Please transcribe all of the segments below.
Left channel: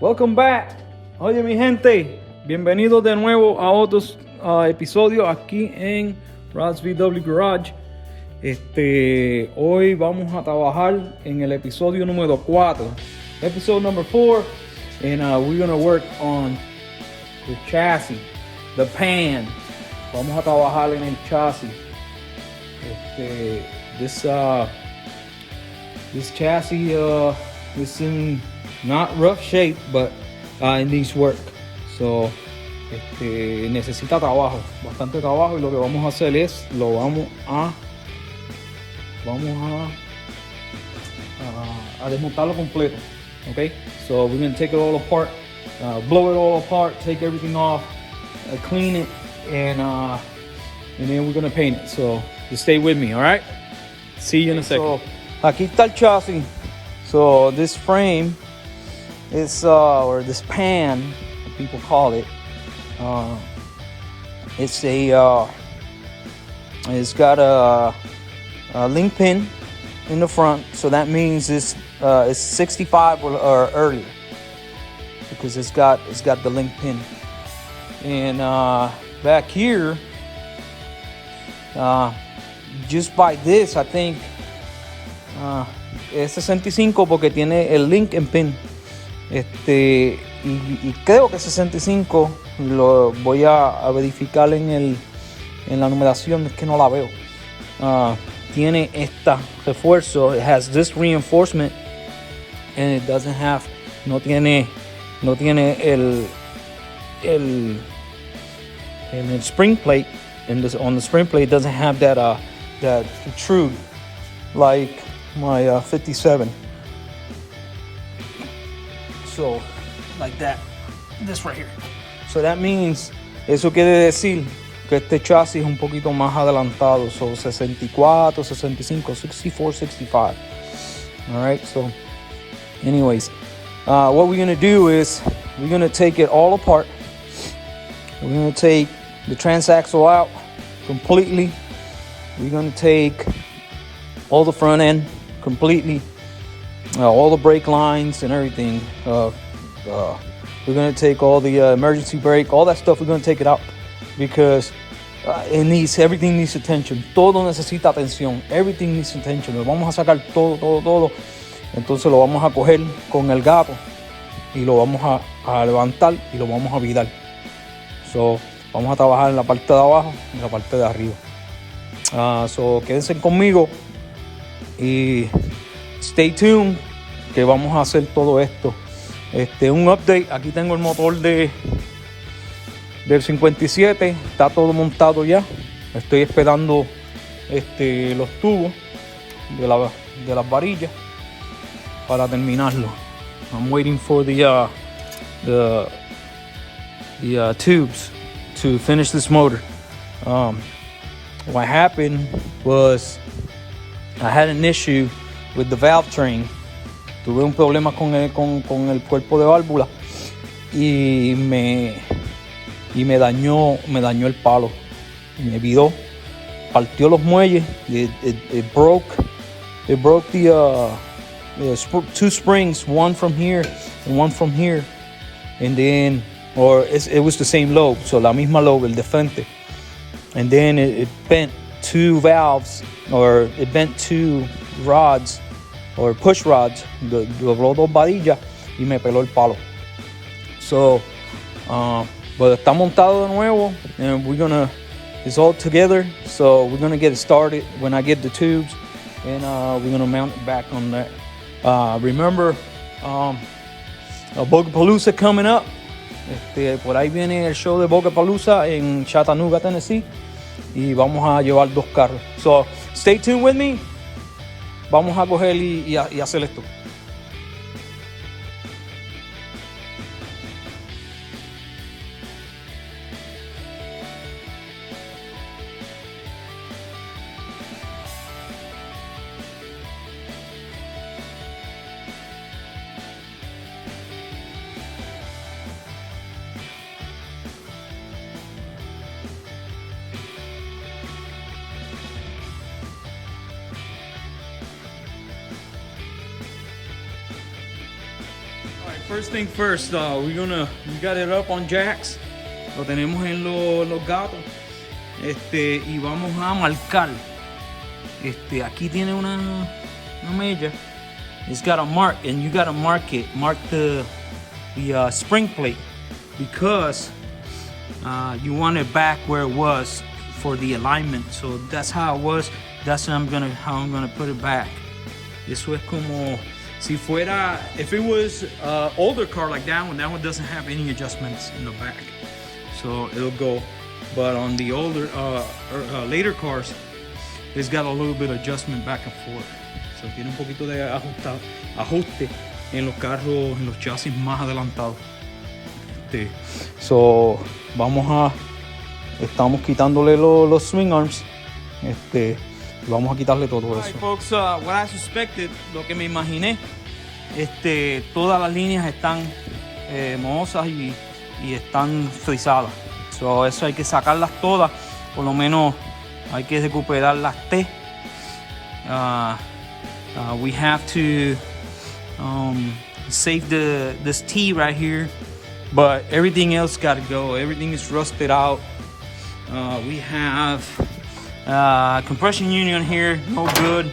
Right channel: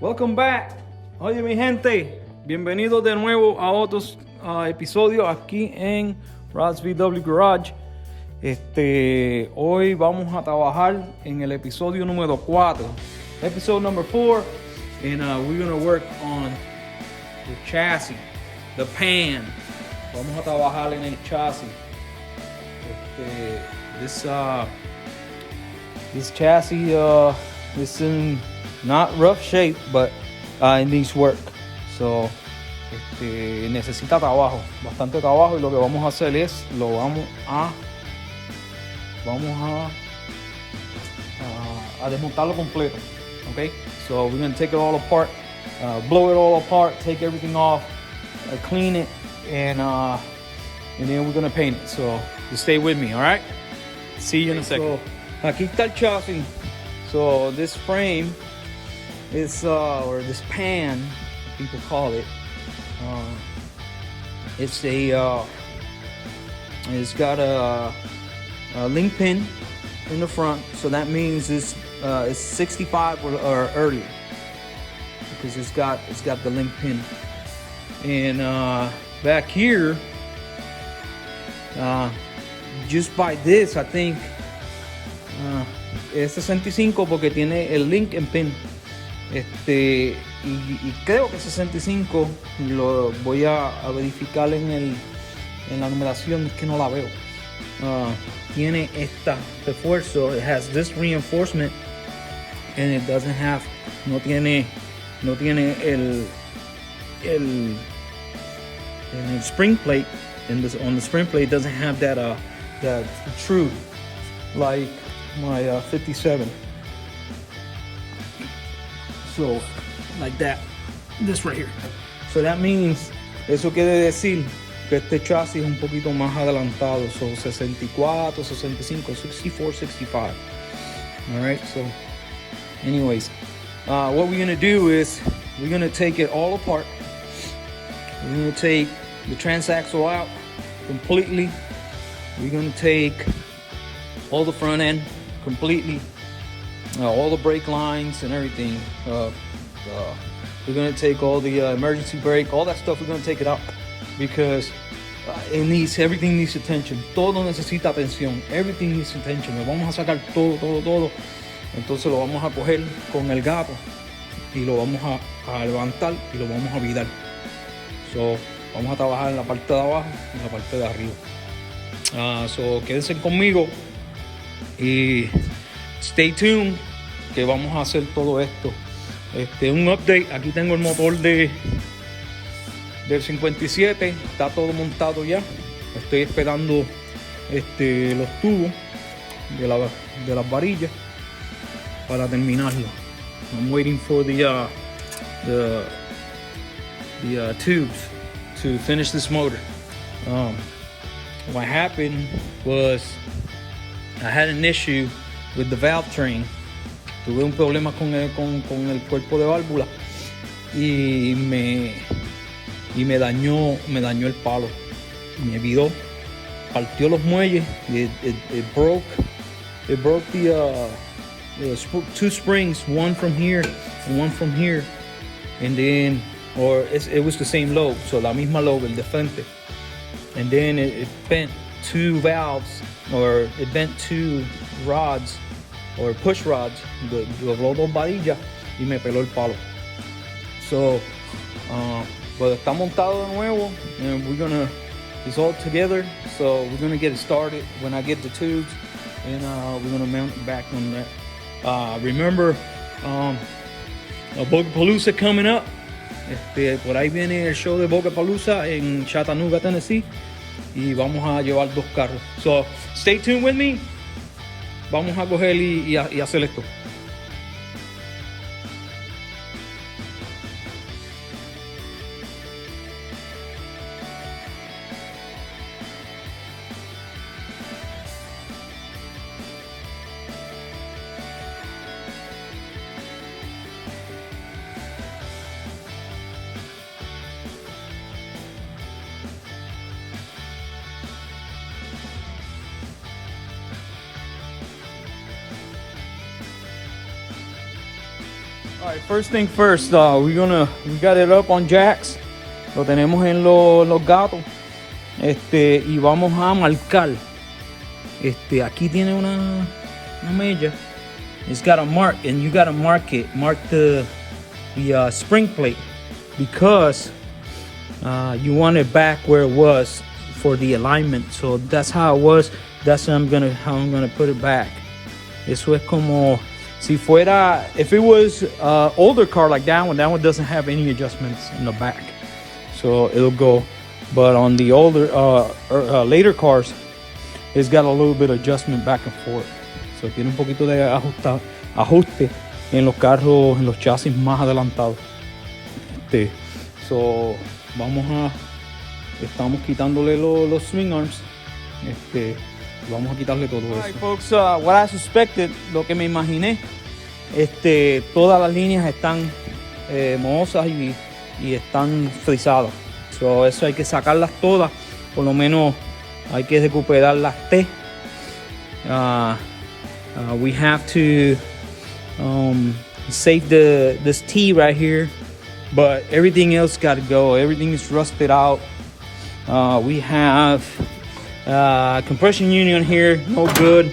Welcome back. Oye, mi gente, bienvenidos de nuevo a otros episodios aquí en Rod's VW Garage. Hoy vamos a trabajar en el episodio número 4, episode number 4, and we're gonna work on the chassis, the pan. Vamos a trabajar en el chasis. This chassis is in not rough shape, but it needs work. So necesita trabajo, bastante trabajo, y lo que vamos a hacer es vamos a desmontarlo completo. Okay, so we're gonna take it all apart, blow it all apart, take everything off, clean it, and then we're gonna paint it. So just stay with me, all right? See you in a second. So, aquí está el chasis. So this frame is, or this pan, people call it, it's got a link pin in the front, so that means it's 65 or earlier, because it's got the link pin. And back here, just by this, I think es 65 porque tiene el link and pin. Y creo que 65, lo voy a verificar en la numeración, es que no la veo. Tiene esta refuerzo, it has this reinforcement, and it doesn't have, no tiene el spring plate. On the spring plate, it doesn't have that protrude like my 57. So like that, this right here. So that means, eso quiere decir que este chasis es un poquito más adelantado. So 64, 65, 64, 65. All right. So anyways, what we're gonna do is we're gonna take it all apart. We're gonna take the transaxle out completely. We're gonna take all the front end completely, all the brake lines and everything. We're gonna take all the emergency brake, all that stuff. We're gonna take it out because everything needs attention. Todo necesita atención. Everything needs attention. Lo vamos a sacar todo. Entonces lo vamos a coger con el gato y lo vamos a levantar y lo vamos a virar. So vamos a trabajar en la parte de abajo y en la parte de arriba. So quédense conmigo y stay tuned, que vamos a hacer todo esto. Un update, aquí tengo el motor del 57, está todo montado ya. Estoy esperando los tubos de las varillas para terminarlo. I'm waiting for the tubes to finish this motor. What happened was I had an issue with the valve train. Tuve un problema con el cuerpo de válvula y me dañó el palo. Me viró, partió los muelles. It broke the two springs, one from here and one from here, and then, it was the same lobe, so la misma lobe, el de frente, and then it bent two valves, or it bent two rods, or push rods, dobló dos varillas y me peló el palo. So, but está montado de nuevo, and it's all together, so we're gonna get it started when I get the tubes, and we're gonna mount it back on that. Remember, Bugapalooza coming up. Por ahí viene el show de Bugapalooza en Chattanooga, Tennessee, y vamos a llevar 2 carros. So stay tuned with me. Vamos a coger y hacer esto. Alright, first thing first, we got it up on jacks. Lo tenemos en los gatos. Y vamos a marcar. Aquí tiene una mella. It's got a mark, and you gotta mark it. Mark the spring plate because you want it back where it was for the alignment. So that's how it was. That's how I'm gonna put it back. Eso es como si fuera, if it was older car like that one doesn't have any adjustments in the back, so it'll go. But on the older later cars, it's got a little bit of adjustment back and forth. So tiene un poquito de ajuste en los carros, en los chasis más adelantados. So estamos quitándole los swing arms. Vamos a quitarle todo eso. Alright, folks, what I suspected, lo que me imaginé, todas las líneas están mohosas y están frisadas. So, eso hay que sacarlas todas, por lo menos hay que recuperar las T. We have to save this T right here, but everything else got to go. Everything is rusted out. We have compression union here, no good.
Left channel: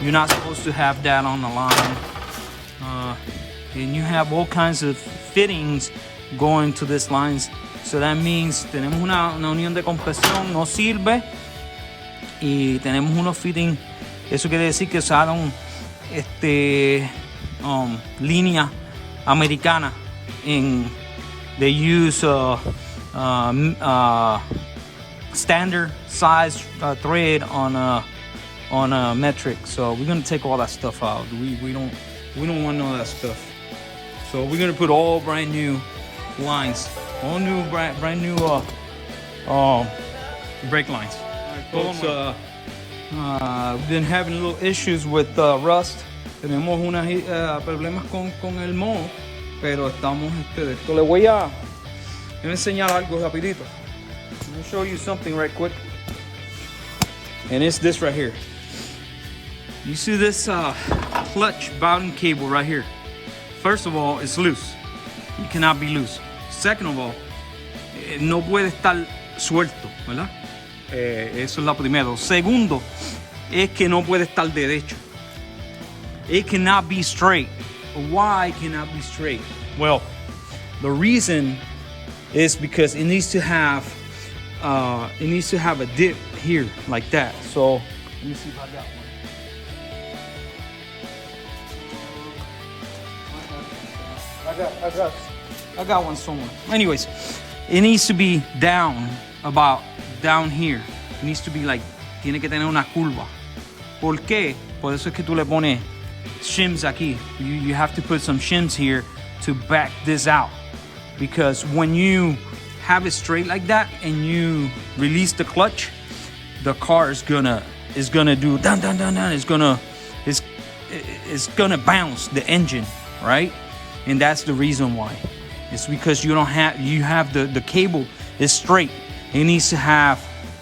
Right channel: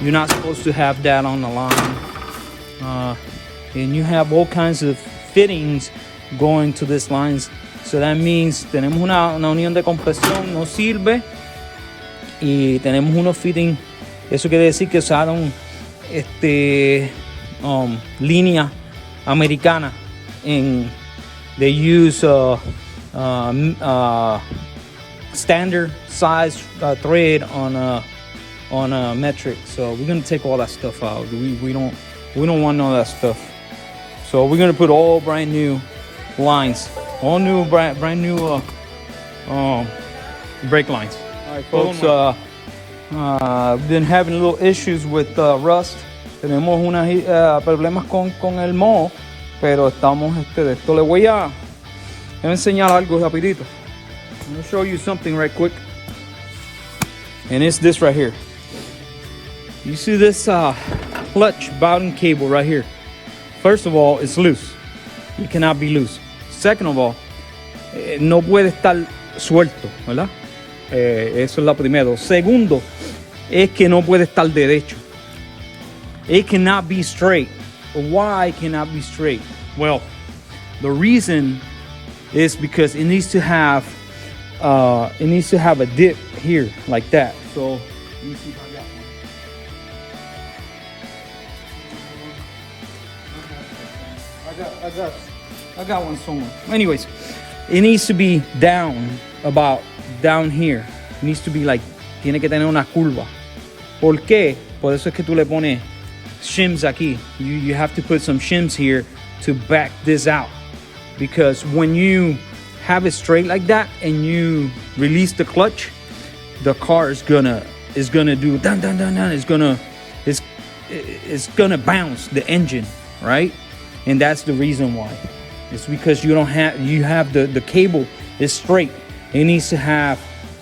You're not supposed to have that on the line. And you have all kinds of fittings going to these lines. So that means tenemos una unión de compresión, no sirve. Y tenemos unos fittings. Eso quiere decir que usaron línea americana. They use standard size thread on a metric. So we're gonna take all that stuff out. We don't want none of that stuff. So we're gonna put all brand new lines, all new brand new brake lines. All right, folks. We've been having little issues with rust. Tenemos unos problemas con el moho, pero estamos de esto. Le voy a enseñar algo rapidito. I'm gonna show you something right quick. And it's this right here. You see this clutch bowden cable right here. First of all, it's loose. It cannot be loose. Second of all, no puede estar suelto, ¿verdad? Eso es lo primero. Segundo, es que no puede estar derecho. It cannot be straight. Why it cannot be straight? Well, the reason is because it needs to have a dip here like that. So let me see if I got one. I got one somewhere. Anyways, it needs to be down here. It needs to be like, tiene que tener una curva. ¿Por qué? Por eso es que tú le pones shims aquí. You have to put some shims here to back this out. Because when you have it straight like that and you release the clutch, the car is gonna do down. It's gonna bounce the engine, right? And that's the reason why. It's because you have the cable is straight. It needs to have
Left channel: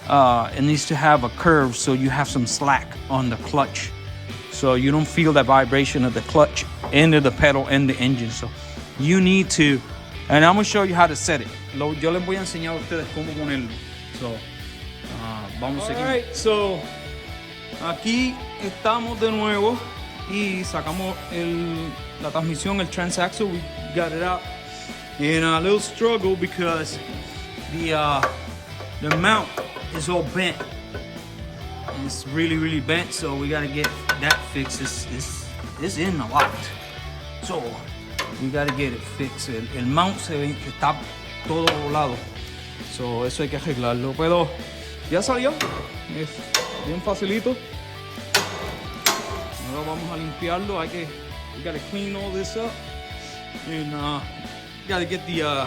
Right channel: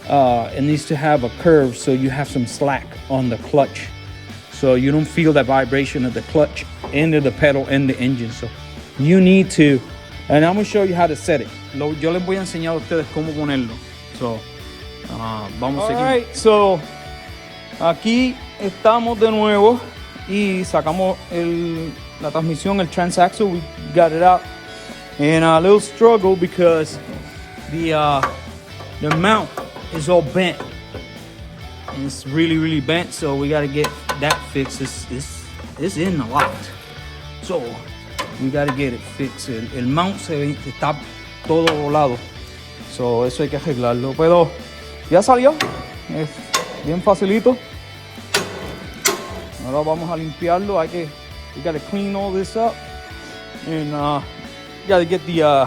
a curve, so you have some slack on the clutch, so you don't feel that vibration of the clutch into the pedal and the engine. So you need to, and I'm gonna show you how to set it. Yo les voy a enseñar a ustedes cómo ponerlo. So vamos a seguir. Alright, so aquí estamos de nuevo y sacamos la transmisión, el transaxle. We got it out, and a little struggle because the mount is all bent, and it's really bent. So we got to get that fixed. It's in a lot, so we got to get it fixed. El mount está todo volado, so eso hay que arreglarlo. Pero ya salió, es bien facilito. Ahora vamos a limpiarlo. We got to clean all this up, and got to get the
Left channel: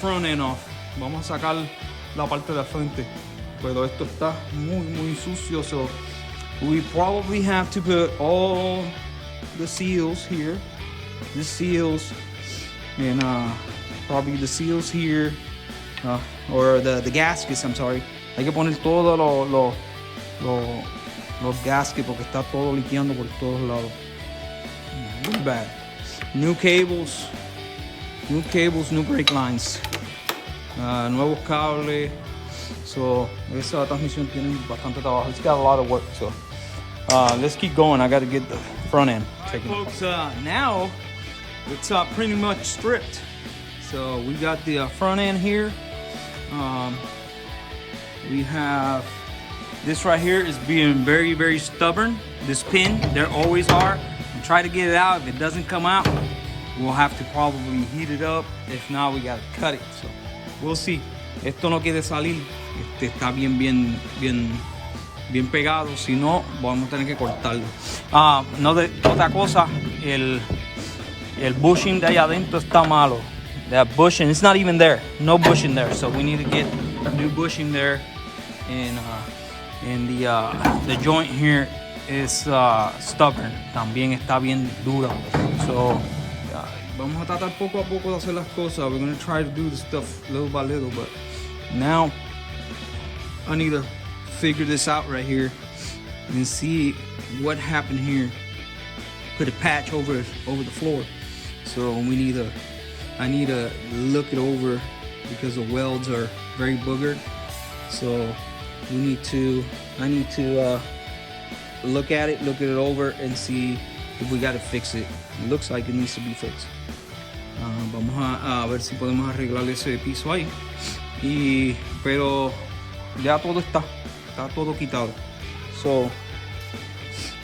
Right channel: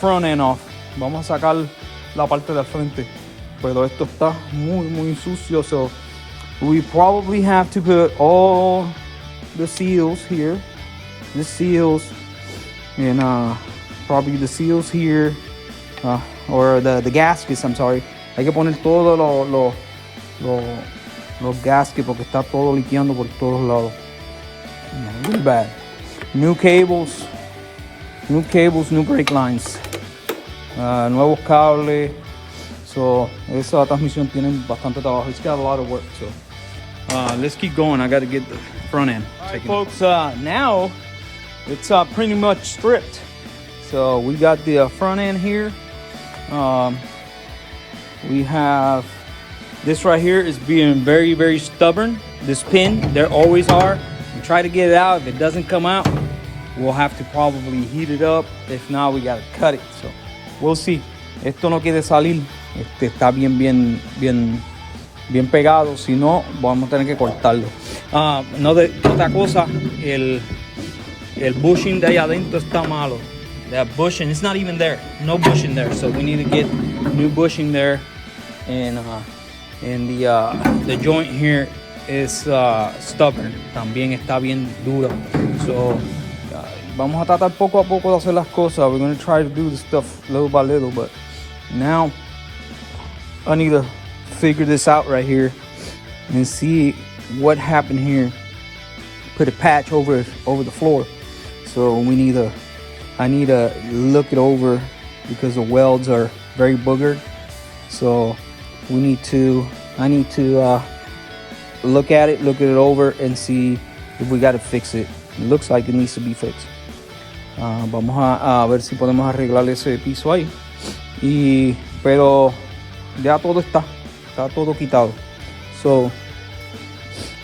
front end off. Vamos a sacar la parte de frente, pero esto está muy sucio. So we probably have to put all the seals here, and probably the seals here, or the gaskets. I'm sorry. Hay que poner todos los gaskets porque está todo liqueando por todos lados. Really bad. new cables, new brake lines, nuevos cables. So esa transmisión tiene bastante trabajo. It's got a lot of work. So let's keep going. I got to get the front end. All right, folks. Now it's pretty much stripped. So we got the front end here. We have this right here is being very, very stubborn. This pin, there always are. And try to get it out. If it doesn't come out, we'll have to probably heat it up. If not, we gotta cut it. So we'll see. Esto no quiere salir. Está bien pegado. Si no, vamos a tener que cortarlo. Otra cosa, el bushing de allá adentro está malo. That bushing, it's not even there. No bushing there. So we need to get new bushing there. And the joint here is stubborn. También está bien duro. So vamos a tratar poco a poco de hacer las cosas. We're going to try to do the stuff little by little. But now I need to figure this out right here and see what happened here. Put a patch over the floor. So I need to look it over because the welds are very boogered. So I need to look at it over and see if we got to fix it. It looks like it needs to be fixed. Vamos a ver si podemos arreglar ese piso ahí. Pero ya todo está todo quitado. So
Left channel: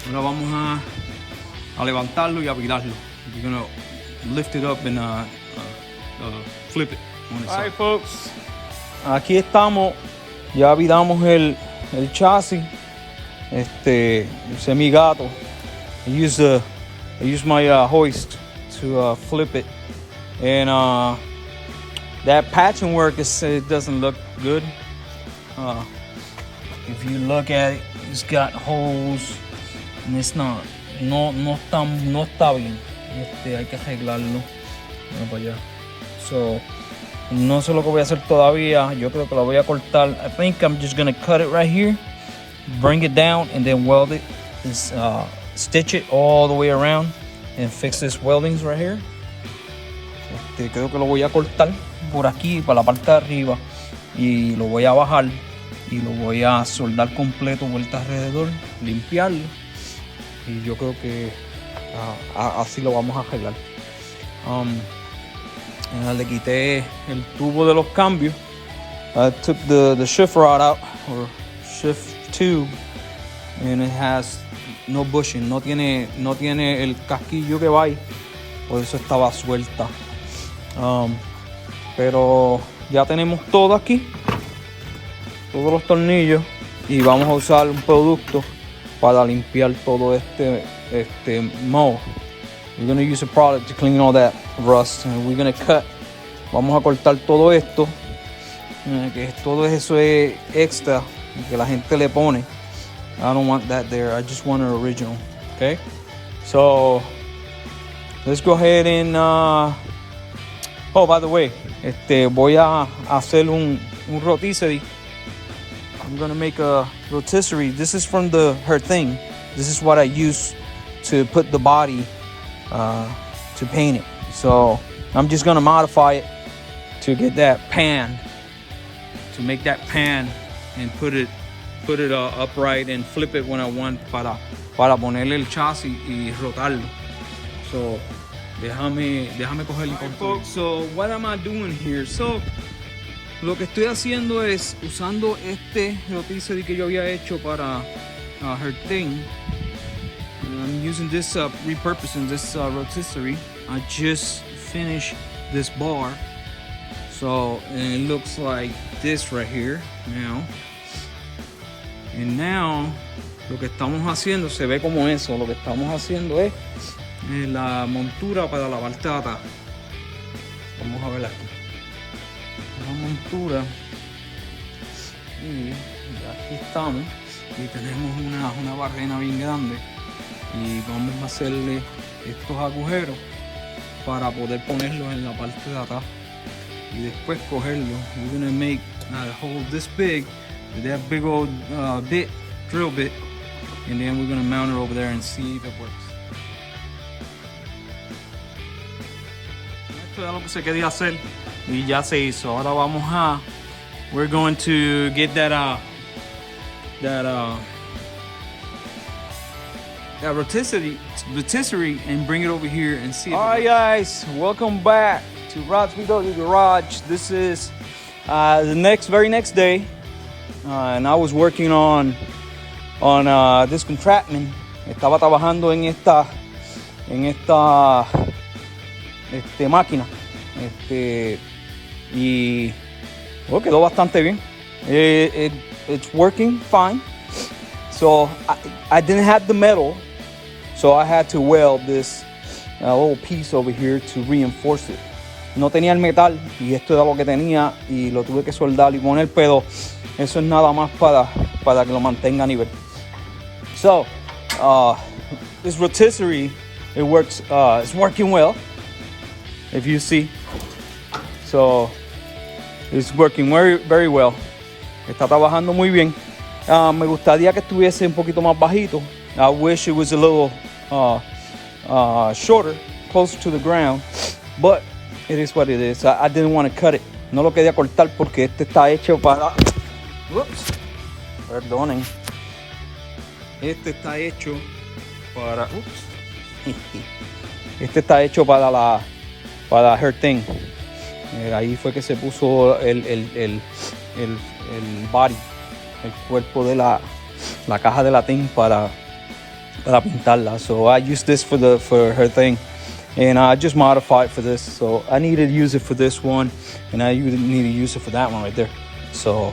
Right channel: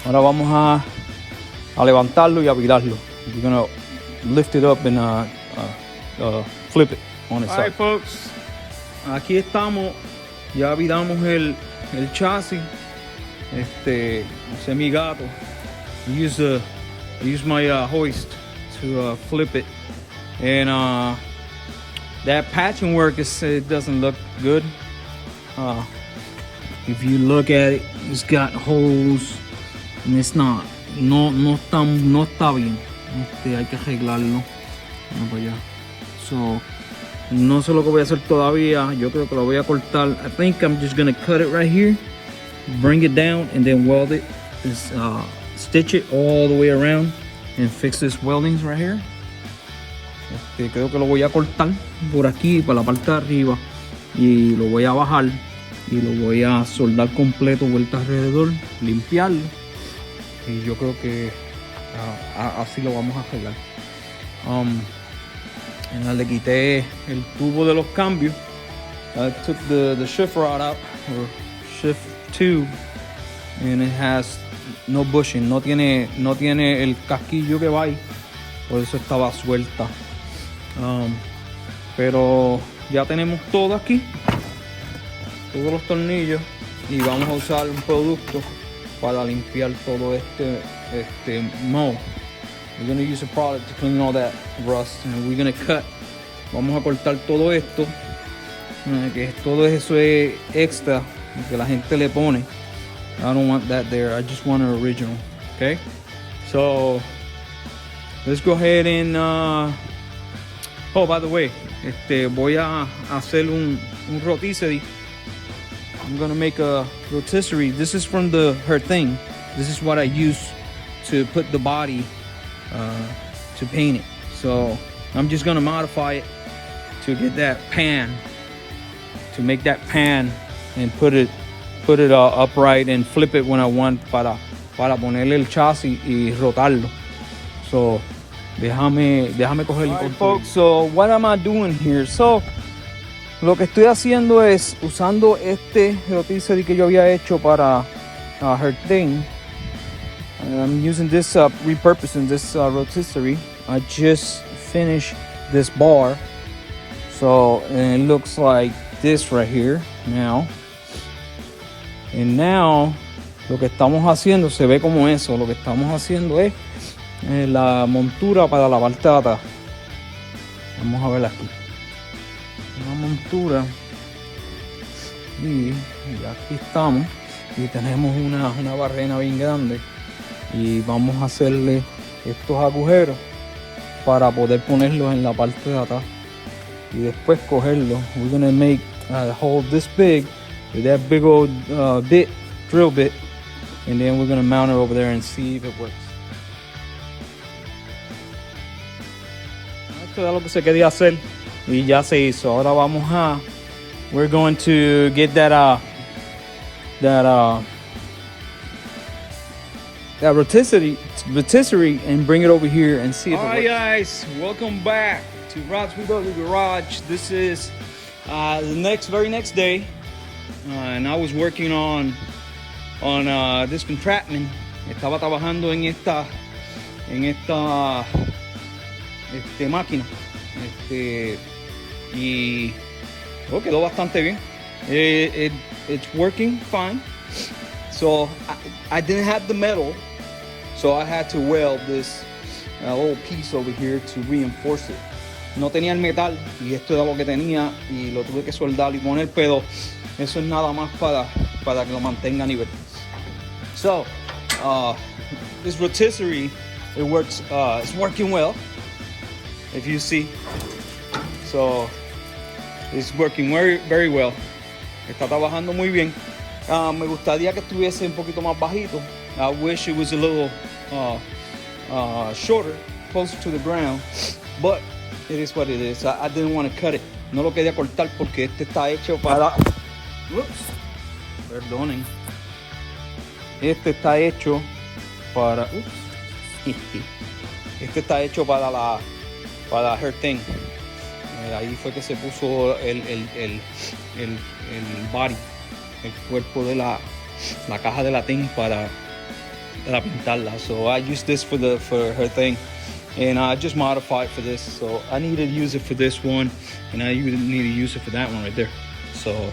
ahora vamos a levantarlo y a virarlo. We're gonna lift it up and flip it on its side. All right, folks. Aquí estamos. Ya viramos el chasis. Semi-gato. I use my hoist to flip it. And that patching work it doesn't look good. If you look at it, it's got holes and it's no está bien. Hay que arreglarlo. Bueno, para allá. So no sé lo que voy a hacer todavía. Yo creo que lo voy a cortar. I think I'm just gonna cut it right here, bring it down, and then weld it. Stitch it all the way around and fix this weldings right here. Creo que lo voy a cortar por aquí, para la parte de arriba, y lo voy a bajar y lo voy a soldar completo vuelta alrededor, limpiarlo, y yo creo que así lo vamos a arreglar. Le quité el tubo de los cambios. I took the shift rod out, or shift tube, and it has no bushing. No tiene el casquillo que va ahí, por eso estaba suelta. Pero ya tenemos todo aquí, todos los tornillos, y vamos a usar un producto para limpiar todo este mold. We're going to use a product to clean all that rust, and we're going to cut. Vamos a cortar todo esto, que todo eso es extra que la gente le pone. I don't want that there. I just want an original. Okay, so let's go ahead and oh, by the way, voy a hacer un rotisserie. I'm gonna make a rotisserie. This is from her thing. This is what I use to put the body to paint it. So I'm just gonna modify it to get that pan, to make that pan and put it upright and flip it when I want para ponerle el chasis y rotarlo. So déjame coger el control. So what am I doing here? So lo que estoy haciendo es usando este rotisserie que yo había hecho para her thing. I'm using this, repurposing this rotisserie. I just finished this bar. So, and it looks like this right here now. And now, lo que estamos haciendo se ve como eso. Lo que estamos haciendo es la montura para la parte de atrás. Vamos a ver aquí. Una montura. Y aquí estamos. Y tenemos una barrena bien grande. Y vamos a hacerle estos agujeros para poder ponerlos en la parte de atrás. Y después cogerlo. We're gonna make a hole this big with that big old drill bit. And then we're gonna mount it over there and see if it works. esto era lo que se quería hacer y ya se hizo. Ahora vamos a, we're going to get that rotisserie and bring it over here and see. All right, guys, welcome back to Rod's Video Garage. This is the very next day, and I was working on this contraption. Estaba trabajando en esta máquina, y quedó bastante bien. It's working fine. So I didn't have the metal, so I had to weld this little piece over here to reinforce it. No tenía el metal y esto era lo que tenía y lo tuve que soldar y poner, pero eso es nada más para que lo mantenga a nivel. So this rotisserie, it works, it's working well, if you see. So it's working very, very well. Está trabajando muy bien. Me gustaría que estuviese un poquito más bajito. I wish it was a little shorter, closer to the ground, but it is what it is. I didn't want to cut it. No lo quería cortar porque este está hecho para... Ups, perdonen. Este está hecho para... Ups. Este está hecho para her thing. Ahí fue que se puso el body, el cuerpo de la caja de latín para pintarla. So I used this for her thing, and I just modified for this. So I needed to use it for this one, and I need to use it for that one right there. So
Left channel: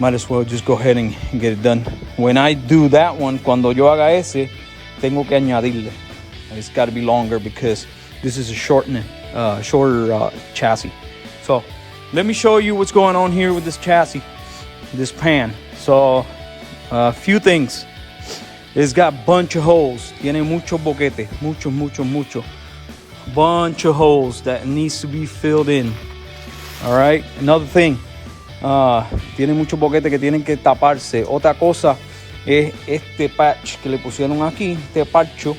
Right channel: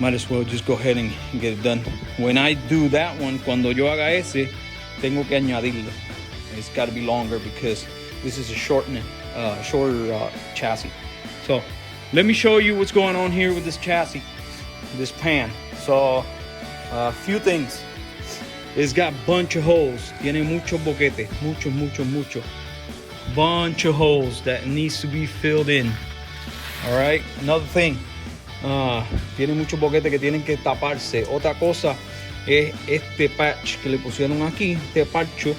might as well just go ahead and get it done. When I do that one, cuando yo haga ese, tengo que añadirle. It's got to be longer because this is a shorter chassis. So let me show you what's going on here with this chassis, this pan. So a few things. It's got a bunch of holes. Tiene mucho boquete, mucho. Bunch of holes that needs to be filled in. All right. Another thing. Tiene mucho boquete que tienen que taparse. Otra cosa es este patch que le pusieron aquí, este parcho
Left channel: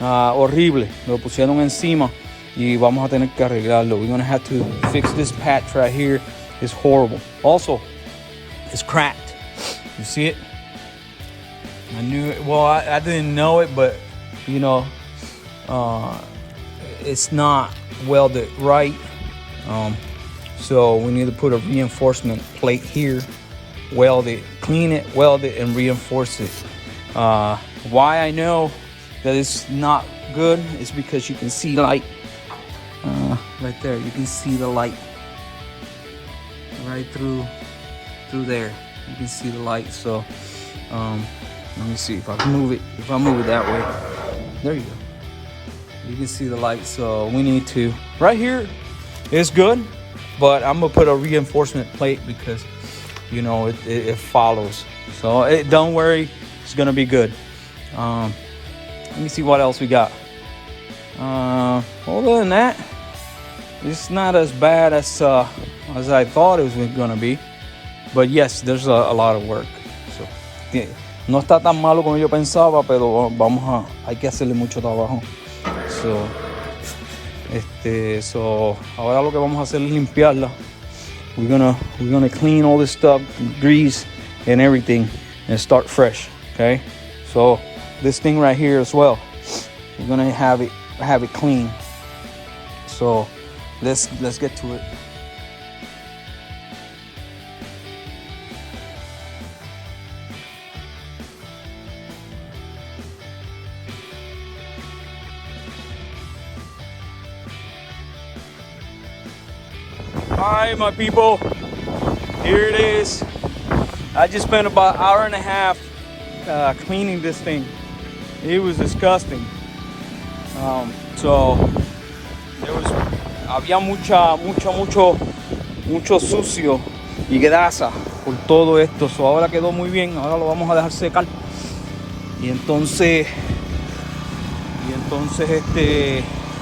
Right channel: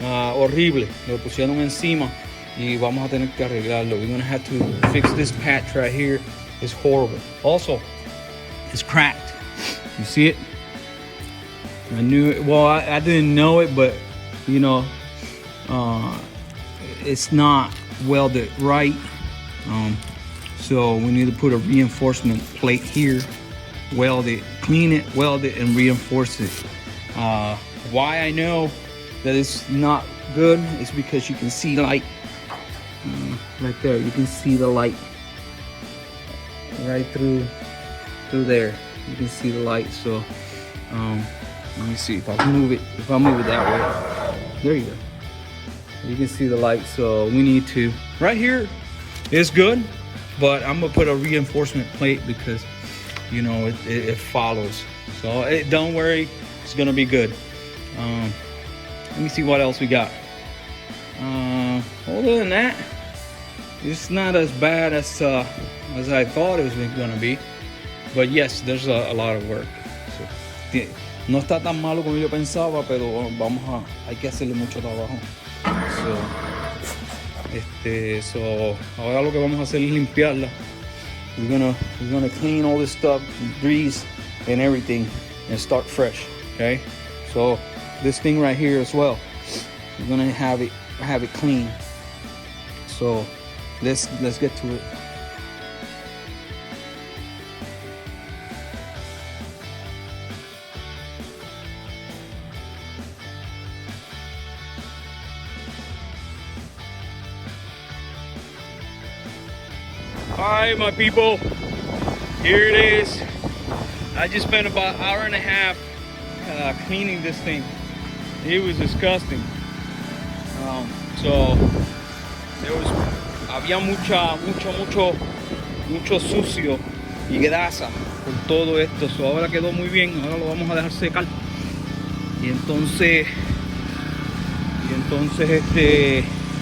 horrible. Lo pusieron encima y vamos a tener que arreglarlo. We're gonna have to fix this patch right here. It's horrible. Also, it's cracked. You see it? I knew it. Well, I didn't know it, but you know, it's not welded right. So we need to put a reinforcement plate here, weld it, clean it, weld it, and reinforce it. Why I know that it's not good is because you can see light right there. You can see the light right through there. You can see the light. So let me see if I move it. If I move it that way, there you go. You can see the light. So we need to. Right here, it's good. But I'm gonna put a reinforcement plate because, you know, it follows. So don't worry, it's gonna be good. Let me see what else we got. Other than that, it's not as bad as I thought it was gonna be. But yes, there's a lot of work. So, no está tan malo como yo pensaba, pero hay que hacerle mucho trabajo. So ahora lo que vamos a hacer es limpiarla. We're gonna clean all this stuff, grease and everything, and start fresh. Okay. So this thing right here as well, we're gonna have it clean. So let's get to it. Alright, my people, here it is. I just spent about an hour and a half cleaning this thing. It was disgusting. So había mucho sucio y grasa por todo esto. So ahora quedó muy bien. Ahora lo vamos a dejar secar. Y entonces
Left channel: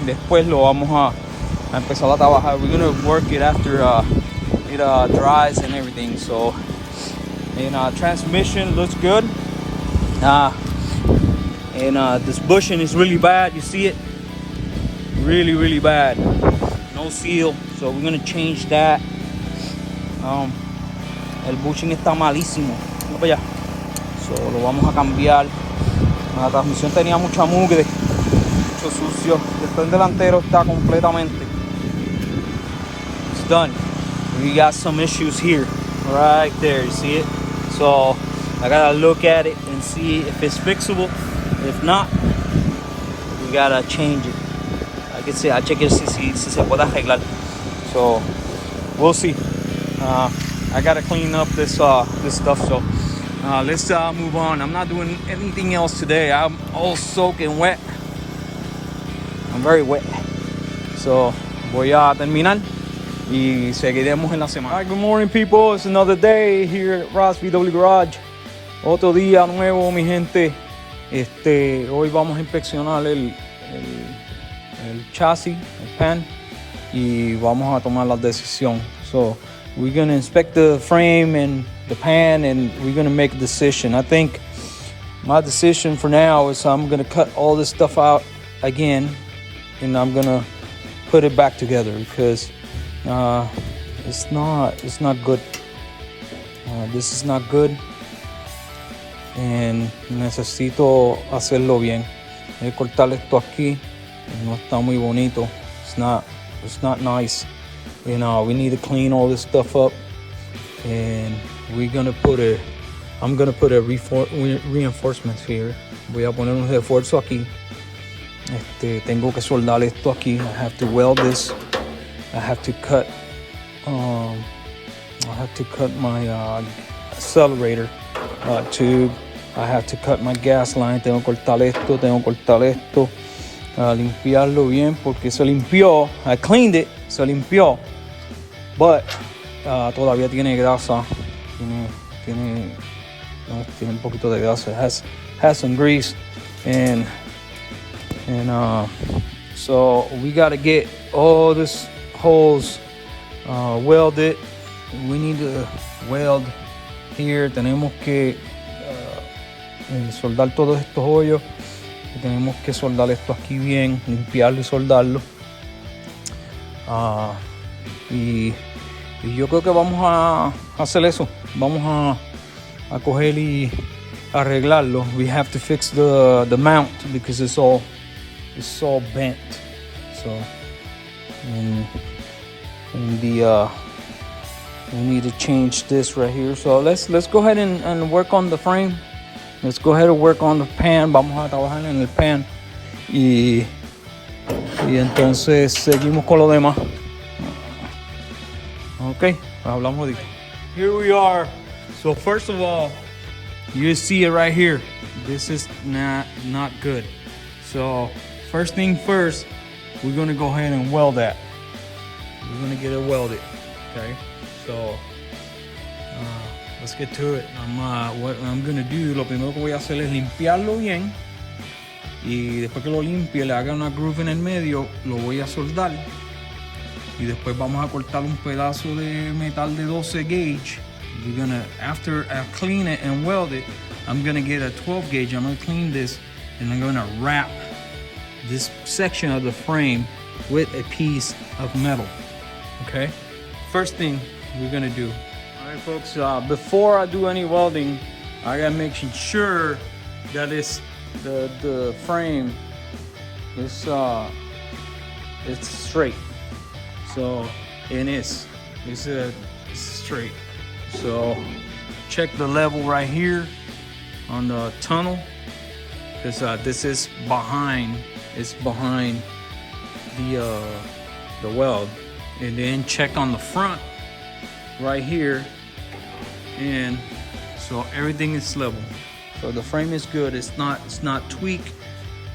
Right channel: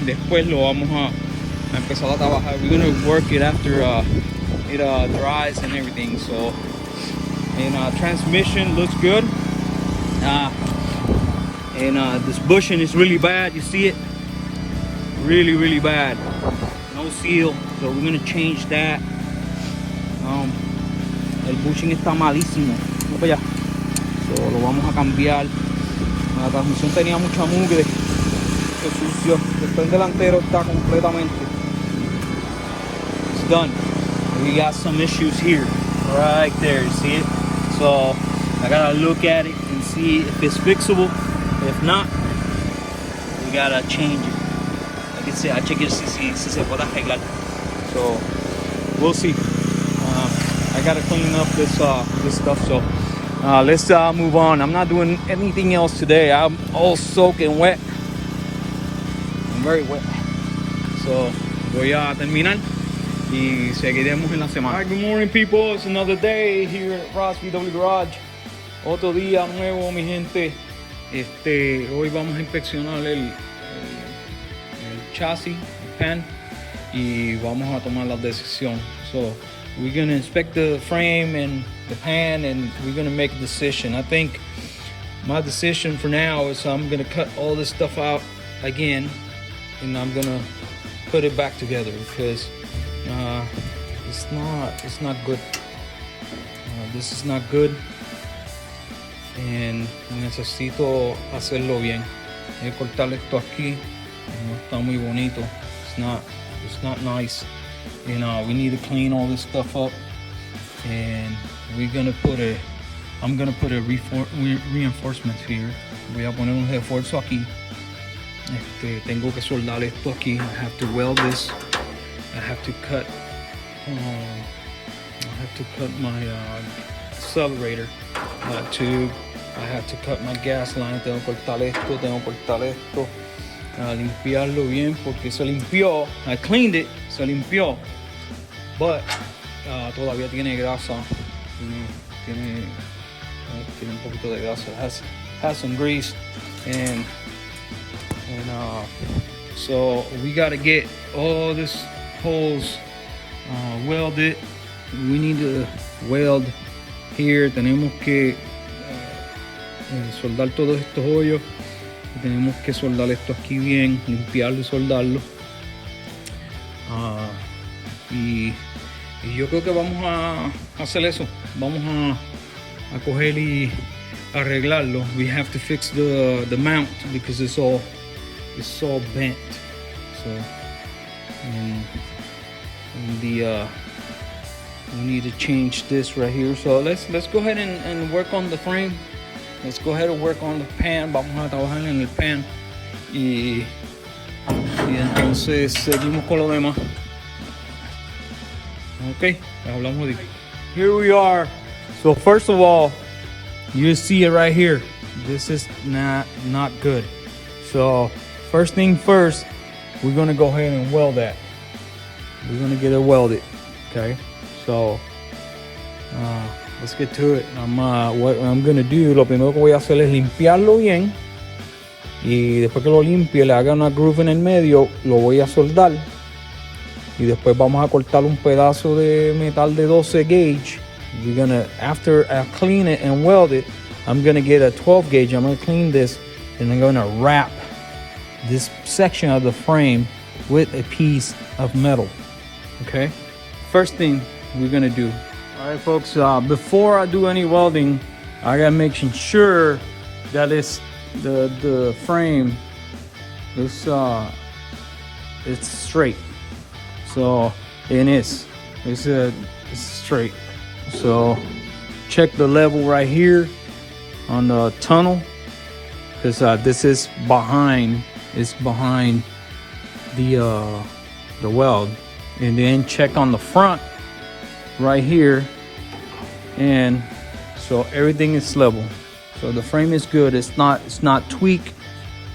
después lo vamos a empezar a trabajar. We're gonna work it after it dries and everything. So, and transmission looks good. And this bushing is really bad. You see it? Really, really bad. no seal, so we're gonna change that. El bushing está malísimo. Mira para allá. So, lo vamos a cambiar. La transmisión tenía mucha mugre, mucho sucio. El tren delantero está completamente. It's done. We got some issues here, right there. You see it? So I gotta look at it and see if it's fixable. If not, we gotta change it. I can say I check it si se puede arreglar. So we'll see. I gotta clean up this stuff. So let's move on. I'm not doing anything else today. I'm all soaking wet. I'm very wet. So voy a terminar y seguiremos en la semana. Alright, good morning people. It's another day here at Ross VW Garage. Otro día nuevo, mi gente. Hoy vamos a inspeccionar el chasis, el pan, y vamos a tomar la decisión. So we're gonna inspect the frame and the pan, and we're gonna make a decision. I think my decision for now is I'm gonna cut all this stuff out again, and I'm gonna put it back together because it's not good. This is not good, and necesito hacerlo bien. Voy a cortar esto aquí. No está muy bonito. It's not nice. You know, we need to clean all this stuff up, and I'm gonna put a reinforcements here. Voy a poner un refuerzo aquí. Tengo que soldar esto aquí. I have to weld this. I have to cut my accelerator tube. I have to cut my gas line. Tengo que cortar esto. Limpiarlo bien porque se limpió. I cleaned it, se limpió, but todavía tiene grasa. Tiene un poquito de grasa. Has some grease, and so we gotta get all this holes welded. We need to weld here. Tenemos que soldar todos estos hoyos. Tenemos que soldar esto aquí bien, limpiarlo y soldarlo. Y yo creo que vamos a hacer eso. Vamos a coger y arreglarlo. We have to fix the mount because it's all bent. So we need to change this right here. So let's go ahead and work on the frame. Let's go ahead and work on the pan. Vamos a trabajar en el pan. Y entonces seguimos con lo demás. Ok, hablamos ahorita. Here we are. So first of all, you see it right here. This is not good. So first thing first, we're gonna go ahead and weld that. We're gonna get it welded. Okay, so let's get to it. What I'm gonna do, lo primero que voy a hacer es limpiarlo bien, y después que lo limpie, le haga una groove en el medio, lo voy a soldar, y después vamos a cortar un pedazo de metal de 12 gauge. We're gonna, after I clean it and weld it, I'm gonna get a 12 gauge. I'm gonna clean this, and I'm gonna wrap this section of the frame with a piece of metal. Okay, first thing we're gonna do. All right, folks, before I do any welding, I gotta make sure that it's the frame is it's straight. So it's straight. So check the level right here on the tunnel, because this is behind the weld, and then check on the front right here, and so everything is level. So the frame is good. It's not tweaked.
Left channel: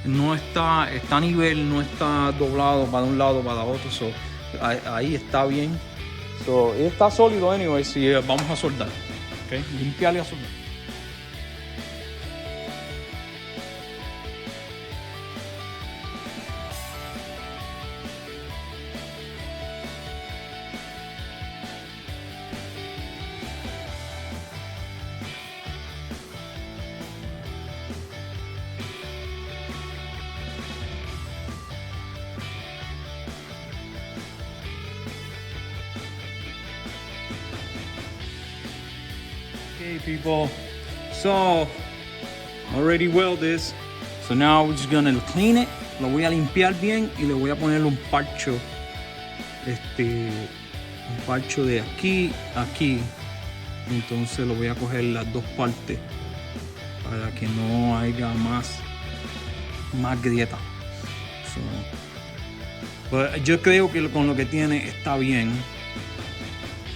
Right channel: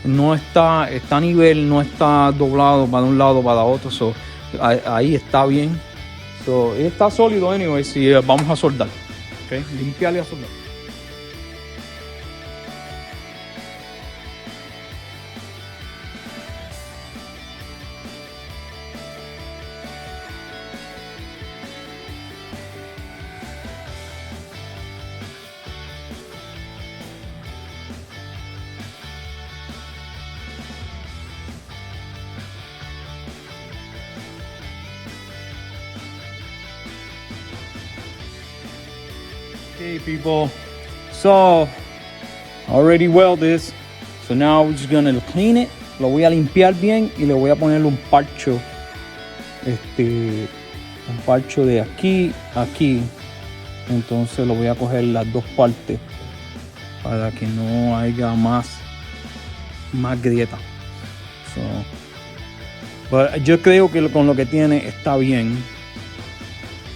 No está a nivel, no está doblado para un lado para otro. So ahí está bien. So está sólido anyway. Si vamos a soldar, okay, limpiar y a soldar. Hey people, so already welded this, so now we're just gonna clean it. Lo voy a limpiar bien y le voy a poner un parcho, un parcho de aquí a aquí. Entonces lo voy a coger las dos partes para que no haya más grieta. So, but yo creo que con lo que tiene está bien,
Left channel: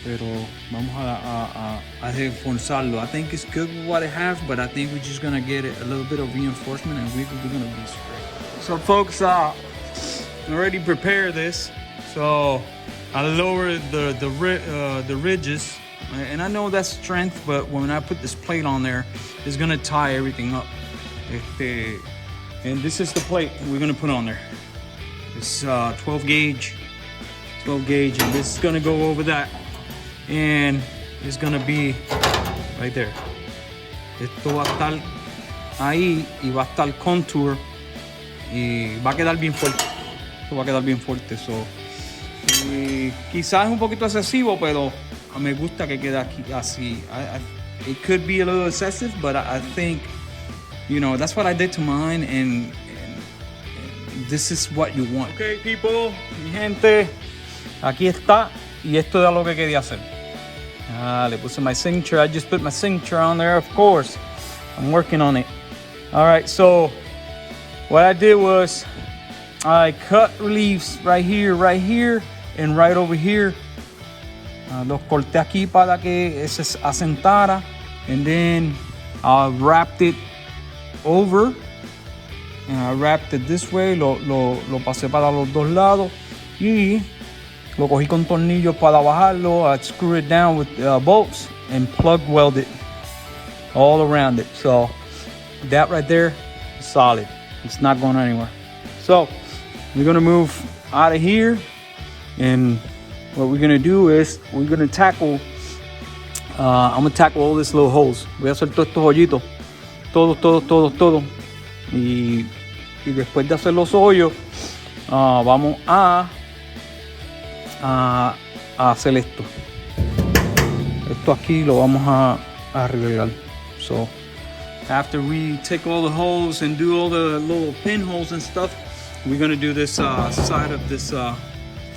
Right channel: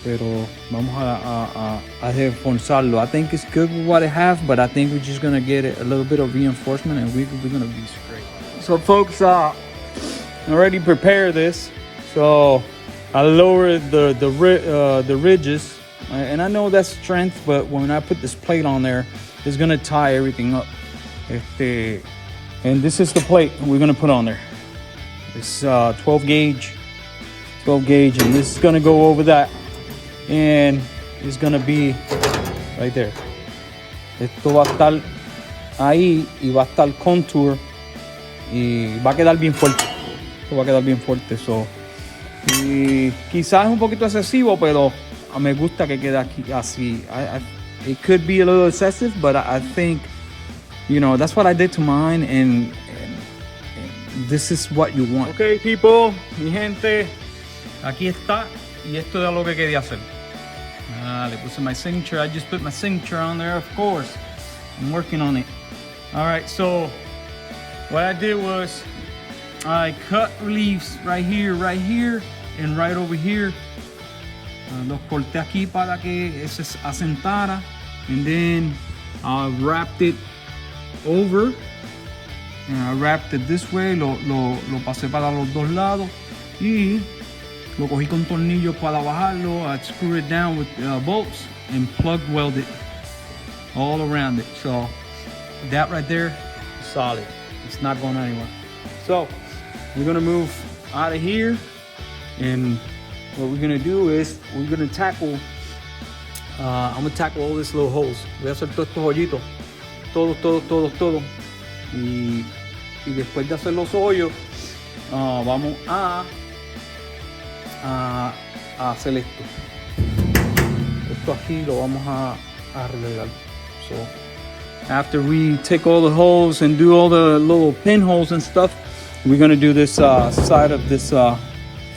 pero vamos a reforzarlo. I think it's good with what it has, but I think we're just gonna get it a little bit of reinforcement and we're gonna be straight. So folks, already prepared this. So I lowered the ridges, and I know that's strength, but when I put this plate on there, it's gonna tie everything up. And this is the plate we're gonna put on there. It's 12 gauge, and this is gonna go over that, and it's gonna be right there. Esto va a estar ahí y va a estar contour y va a quedar bien fuerte. Esto va a quedar bien fuerte. So, y quizás es un poquito excesivo, pero me gusta que quede aquí así. It could be a little excessive, but I think, you know, that's what I did to mine, and this is what you want. Okay, people, mi gente, aquí está, y esto es lo que quería hacer. Le puse my signature. I just put my signature on there, of course. I'm working on it. All right, so what I did was I cut reliefs right here, and right over here. Los corté aquí para que se asentara, and then I wrapped it over, and I wrapped it this way. Lo pasé para los dos lados y lo cogí con tornillos para bajarlo. I screw it down with bolts and plug weld it all around it. So that right there is solid. It's not going anywhere. So we're gonna move out of here, and what we're gonna do is we're gonna tackle. I'm gonna tackle all these little holes. Voy a hacer todos estos hoyitos, todo. Y después de hacer los hoyos, vamos a hacer esto. Esto aquí lo vamos a arreglar. So after we take all the holes and do all the little pinholes and stuff, we're gonna do this side of this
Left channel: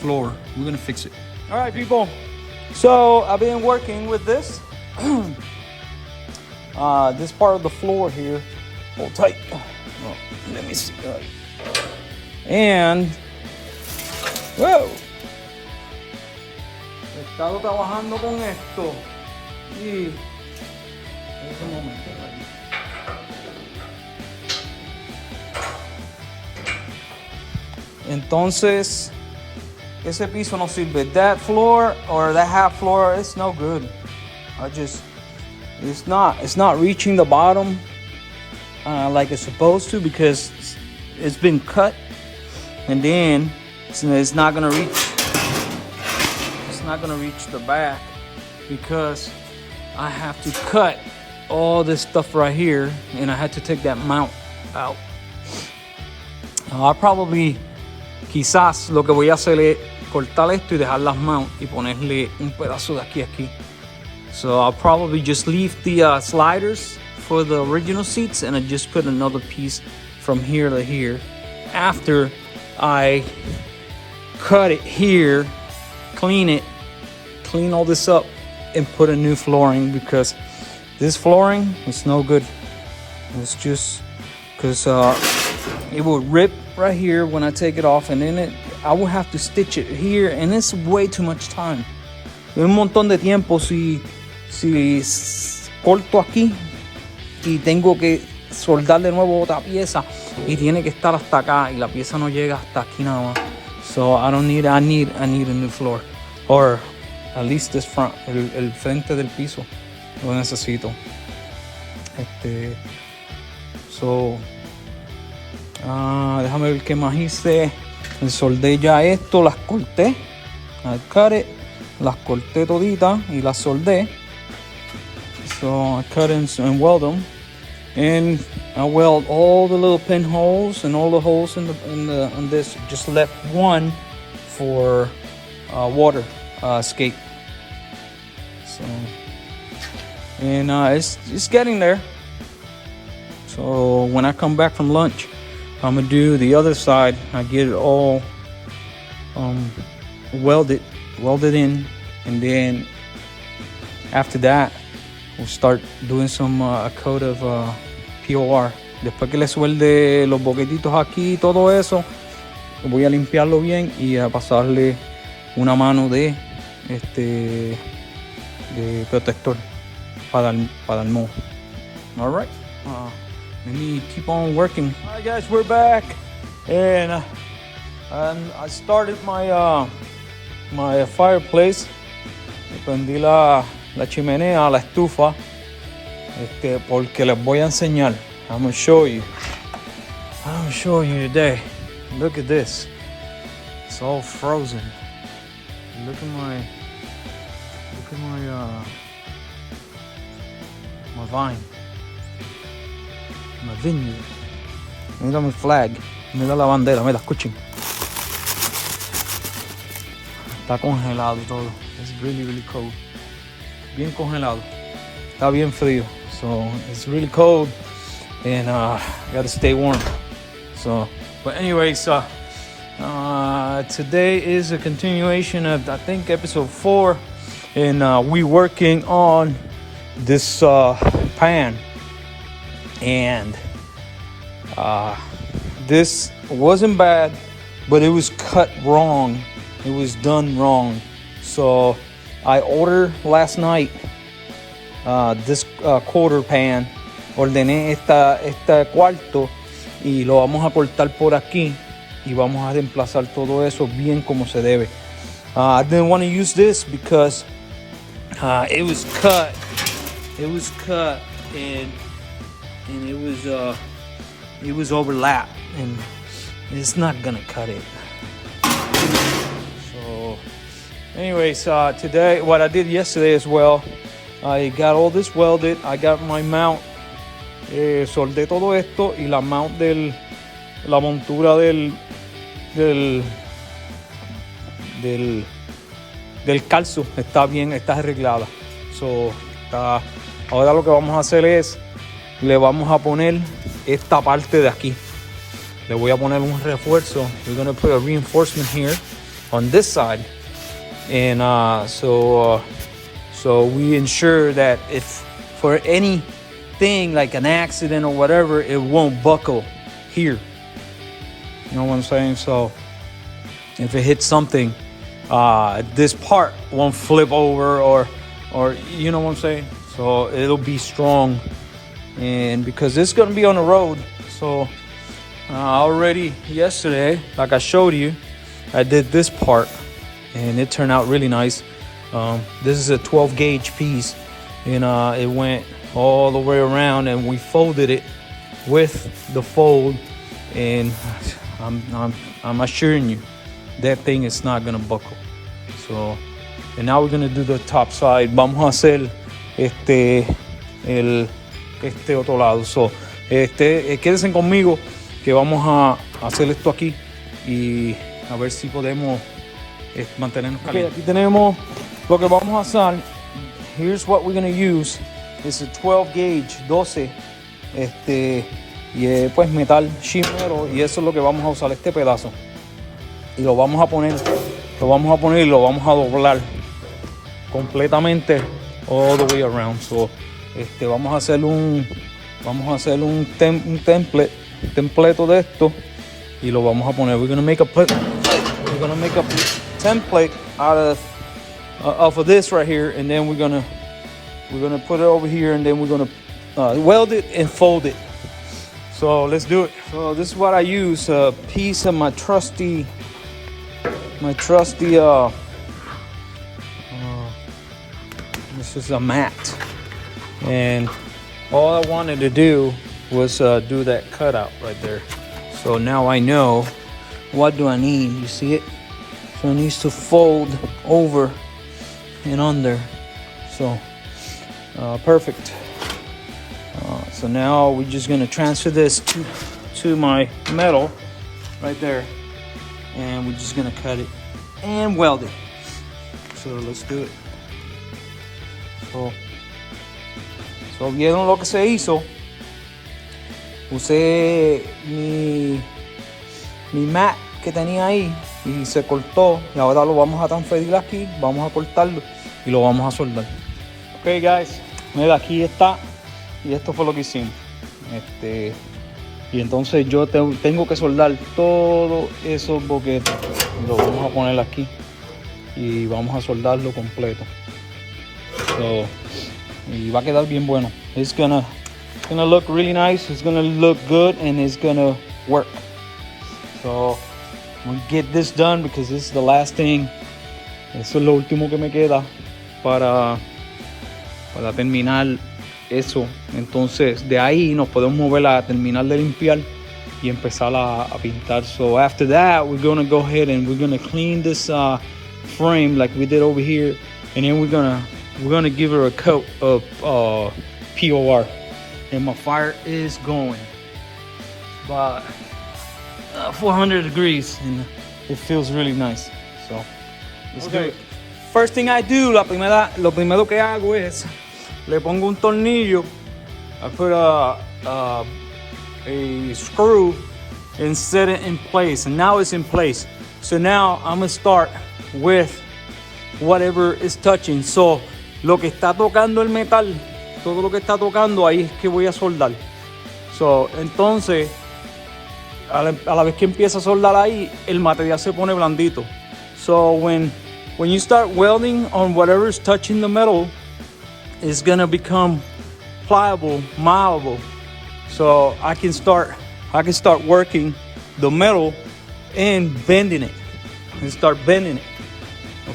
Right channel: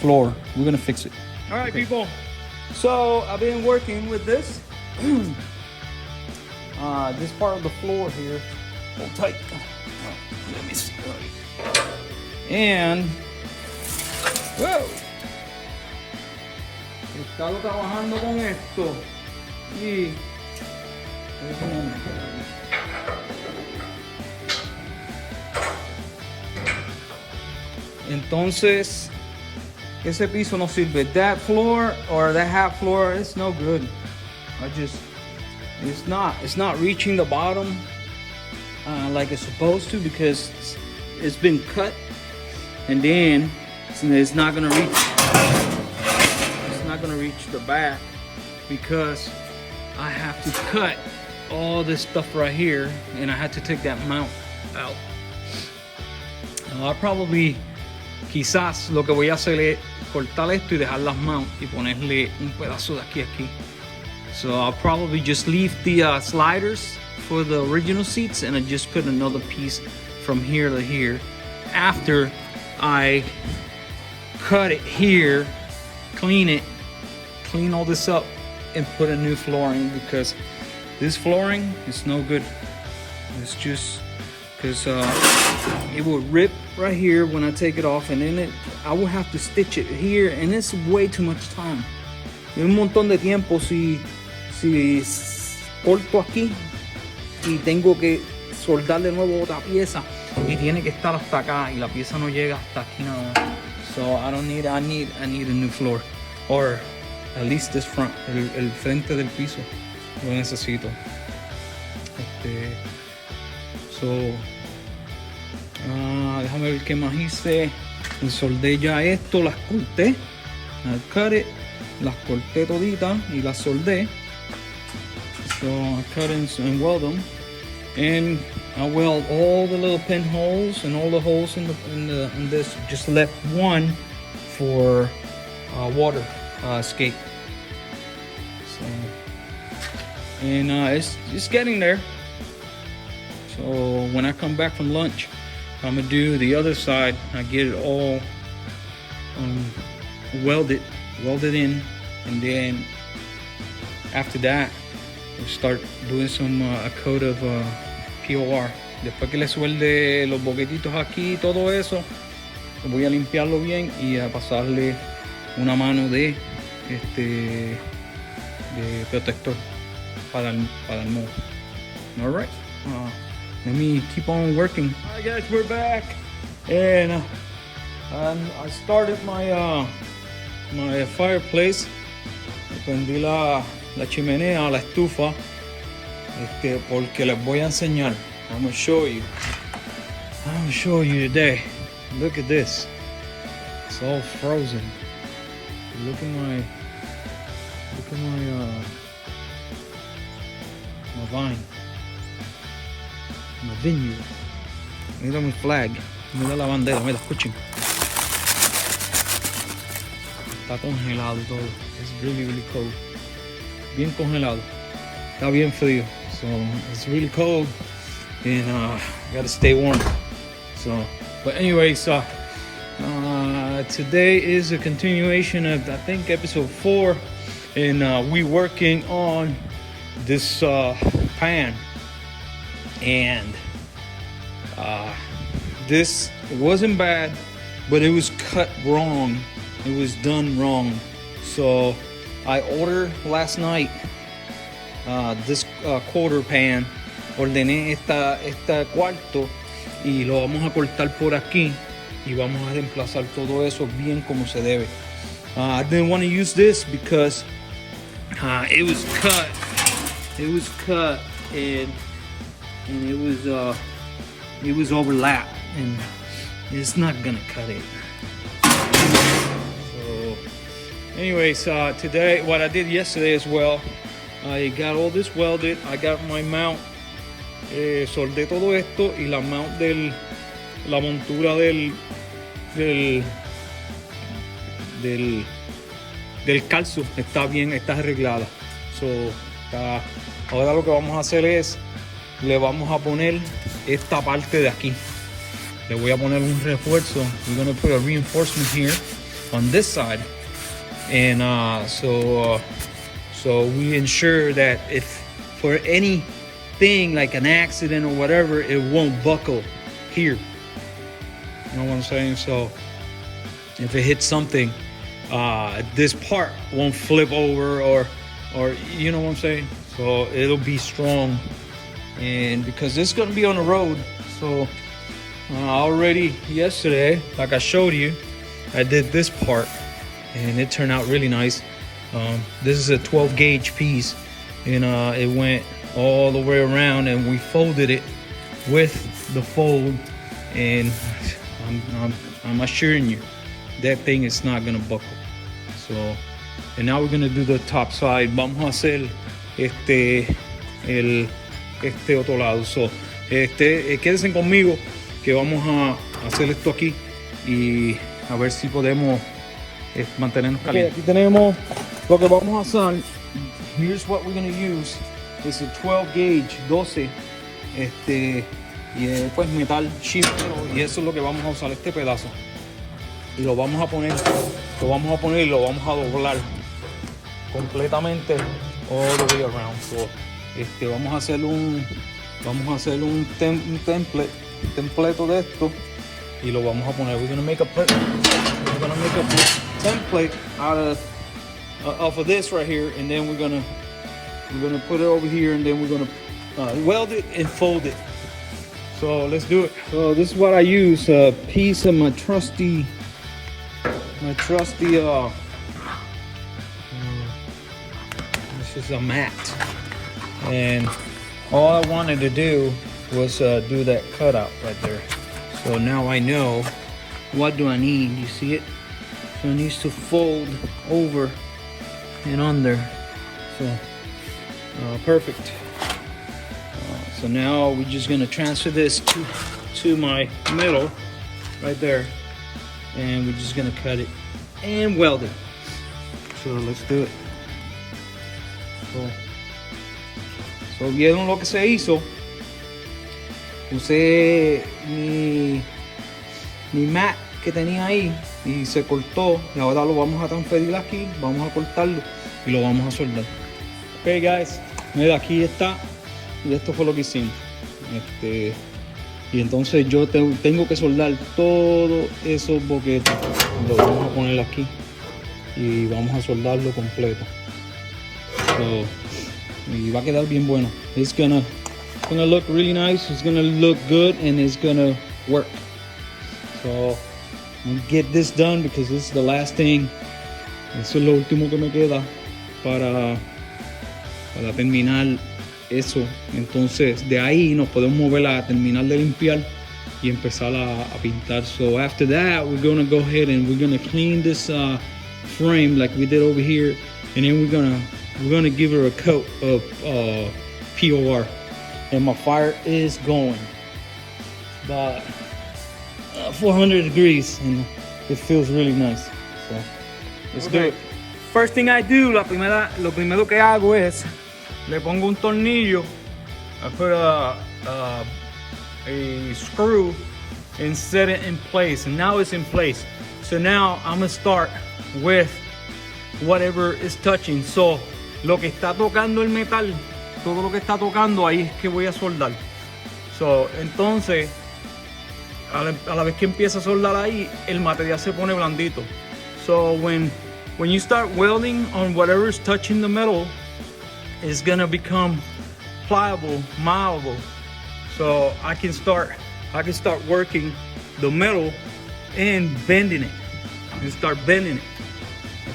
floor. We're gonna fix it. All right, people. So I've been working with this. This part of the floor here. Hold tight. Let me see. And whoa. He estado trabajando con esto. Y un momento. Entonces, ese piso no sirve. That floor or that half floor, it's no good. It's not reaching the bottom like it's supposed to, because it's been cut, and then it's not gonna reach. It's not gonna reach the back because I have to cut all this stuff right here, and I had to take that mount out. I'll probably, quizás lo que voy a hacer es cortar esto y dejar las mount y ponerle un pedazo de aquí a aquí. So I'll probably just leave the sliders for the original seats, and I just put another piece from here to here after I cut it here, clean all this up, and put a new flooring, because this flooring is no good. It's just because it will rip right here when I take it off, and then I will have to stitch it here, and it's way too much time. Un montón de tiempo si corto aquí y tengo que soldar de nuevo otra pieza, y tiene que estar hasta acá, y la pieza no llega hasta aquí nada más. So I need a new floor, or at least this front, el frente del piso lo necesito. Déjame ver qué más hice. Soldé ya esto, las corté. I cut it, las corté toditas y las soldé. So I cut and weld them, and I weld all the little pinholes and all the holes in this. Just left one for water escape. So, and it's getting there. So when I come back from lunch, I'm gonna do the other side. I get it all welded in, and then after that we'll start doing some a coat of POR. Después que le suelde los boquetitos aquí y todo eso, voy a limpiarlo bien y a pasarle una mano de protector para el mold. All right. Let me keep on working. All right, guys, we're back, and I started my my fireplace. Prendí la chimenea, la estufa, porque les voy a enseñar. I'm gonna show you today. Look at this. It's all frozen. Look at my vine. My vineyard. Mira mi flag. Mira la bandera, mira, escuchen. Está congelado todo. It's really, really cold. Bien congelado. Está bien frío. So it's really cold, and gotta stay warm. So, but anyways, today is a continuation of, I think, episode 4, and we working on this pan. And this wasn't bad, but it was cut wrong. It was done wrong. So I ordered last night this quarter pan. Ordené este cuarto y lo vamos a cortar por aquí y vamos a reemplazar todo eso bien como se debe. I didn't want to use this because it was cut and it was overlapped, and it's not gonna cut it. So anyways, today, what I did yesterday as well, I got all this welded. I got my mount, soldé todo esto, y la mount la montura del calzo está bien, está arreglada. So, ahora lo que vamos a hacer es, le vamos a poner esta parte de aquí. Le voy a poner un refuerzo. We're going to put a reinforcement here on this side. And so we ensure that if for anything like an accident or whatever, it won't buckle here. You know what I'm saying? So if it hits something, this part won't flip over or you know what I'm saying? So it'll be strong. And because it's gonna be on the road, so already yesterday, like I showed you, I did this part and it turned out really nice. This is a 12 gauge piece, and it went all the way around, and we folded it with the fold, and I'm assuring you that thing is not gonna buckle. So, and now we're gonna do the top side. Vamos a hacer este otro lado. So, quédense conmigo que vamos a hacer esto aquí y a ver si podemos mantenernos calientes. Okay, aquí tenemos lo que vamos a hacer. Here's what we're going to use. It's a 12 gauge, 12, y pues metal sheet metal, y eso es lo que vamos a usar, este pedazo. Y lo vamos a poner y lo vamos a doblar completamente all the way around. So, vamos a hacer un template de esto y lo vamos a poner. We're gonna make a template out of this right here, and then we're gonna put it over here, and then we're gonna weld it and fold it. So let's do it. So this is what I use, a piece of my trusty this is a mat, and all I wanted to do was do that cutout right there. So now I know what do I need. You see it? So it needs to fold over and under. So perfect. So now we're just gonna transfer this to my metal right there, and we're just gonna cut it and weld it. So let's do it. So So, ¿vieron lo que se hizo? Usé mi mat que tenía ahí y se cortó, y ahora lo vamos a transferir aquí, vamos a cortarlo y lo vamos a soldar. Ok, guys, mira, aquí está, y esto fue lo que hicimos. Y entonces yo tengo que soldar todos esos boquetes, lo vamos a poner aquí y vamos a soldarlo completo. So, y va a quedar bien bueno. It's gonna look really nice, it's gonna look good, and it's gonna work. So I'm gonna get this done because this is the last thing. Eso es lo último que me queda para terminar eso. Entonces de ahí nos podemos mover a terminar de limpiar y empezar a pintar. So after that, we're gonna go ahead and we're gonna clean this frame like we did over here, and then we're gonna give her a coat of POR. And my fire is going about 400 degrees, and it feels really nice. So let's do it. First thing I do, lo primero que hago es le pongo un tornillo. I put a screw and set it in place, and now it's in place. So now I'm gonna start with whatever is touching. So lo que está tocando el metal, todo lo que está tocando ahí es que voy a soldar. So, entonces a la vez que empieza a soldar ahí, el material se pone blandito. So when you start welding on whatever is touching the metal, it's gonna become pliable, malleable. So I can start working the metal and bending it, and start bending it.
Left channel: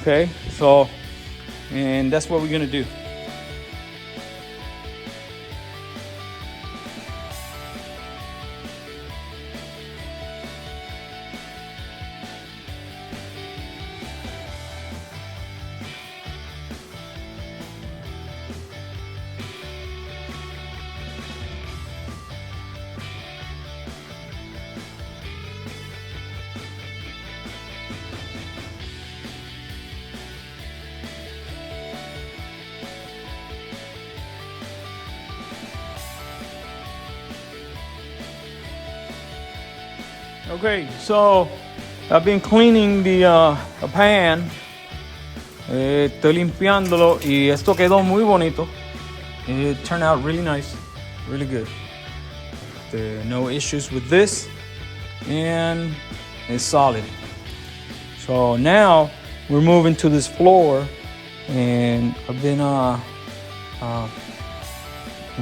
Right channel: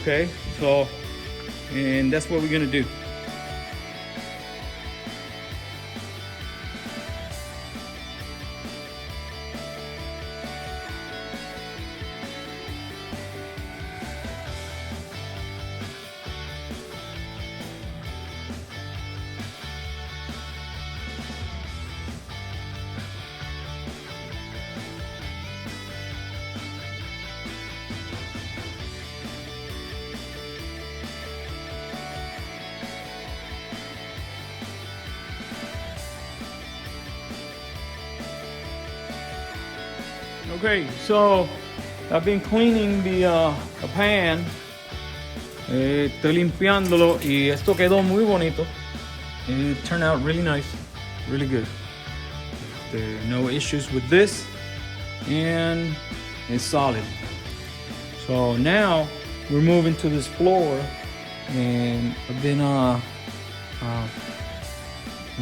Okay, so, and that's what we're gonna do. Okay, so I've been cleaning the pan. Estoy limpiándolo y esto quedó muy bonito. It turned out really nice, really good. There are no issues with this, and it's solid. So now we're moving to this floor, and I've been I'm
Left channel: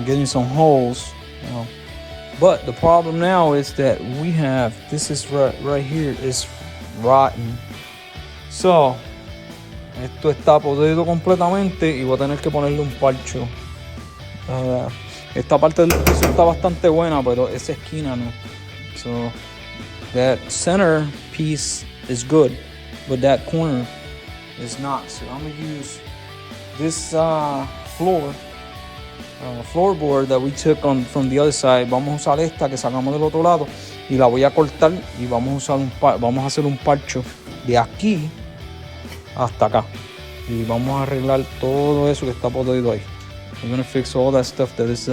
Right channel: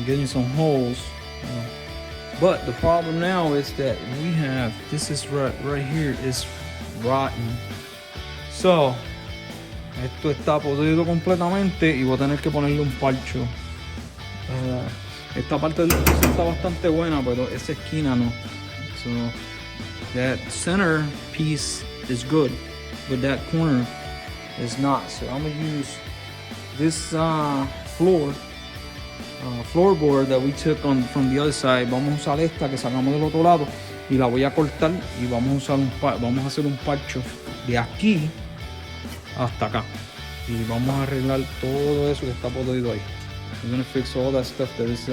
getting some holes. But the problem now is that we have, this is right here is rotten. So, esto está podrido completamente y voy a tener que ponerle un parcho. Esta parte del piso está bastante buena, pero esa esquina no. So, that center piece is good, but that corner is not. So I'm gonna use this floorboard that we took from the other side. Vamos a usar esta que sacamos del otro lado y la voy a cortar y vamos a hacer un parcho de aquí hasta acá y vamos a arreglar todo eso que está podrido ahí. We're gonna fix all that stuff that is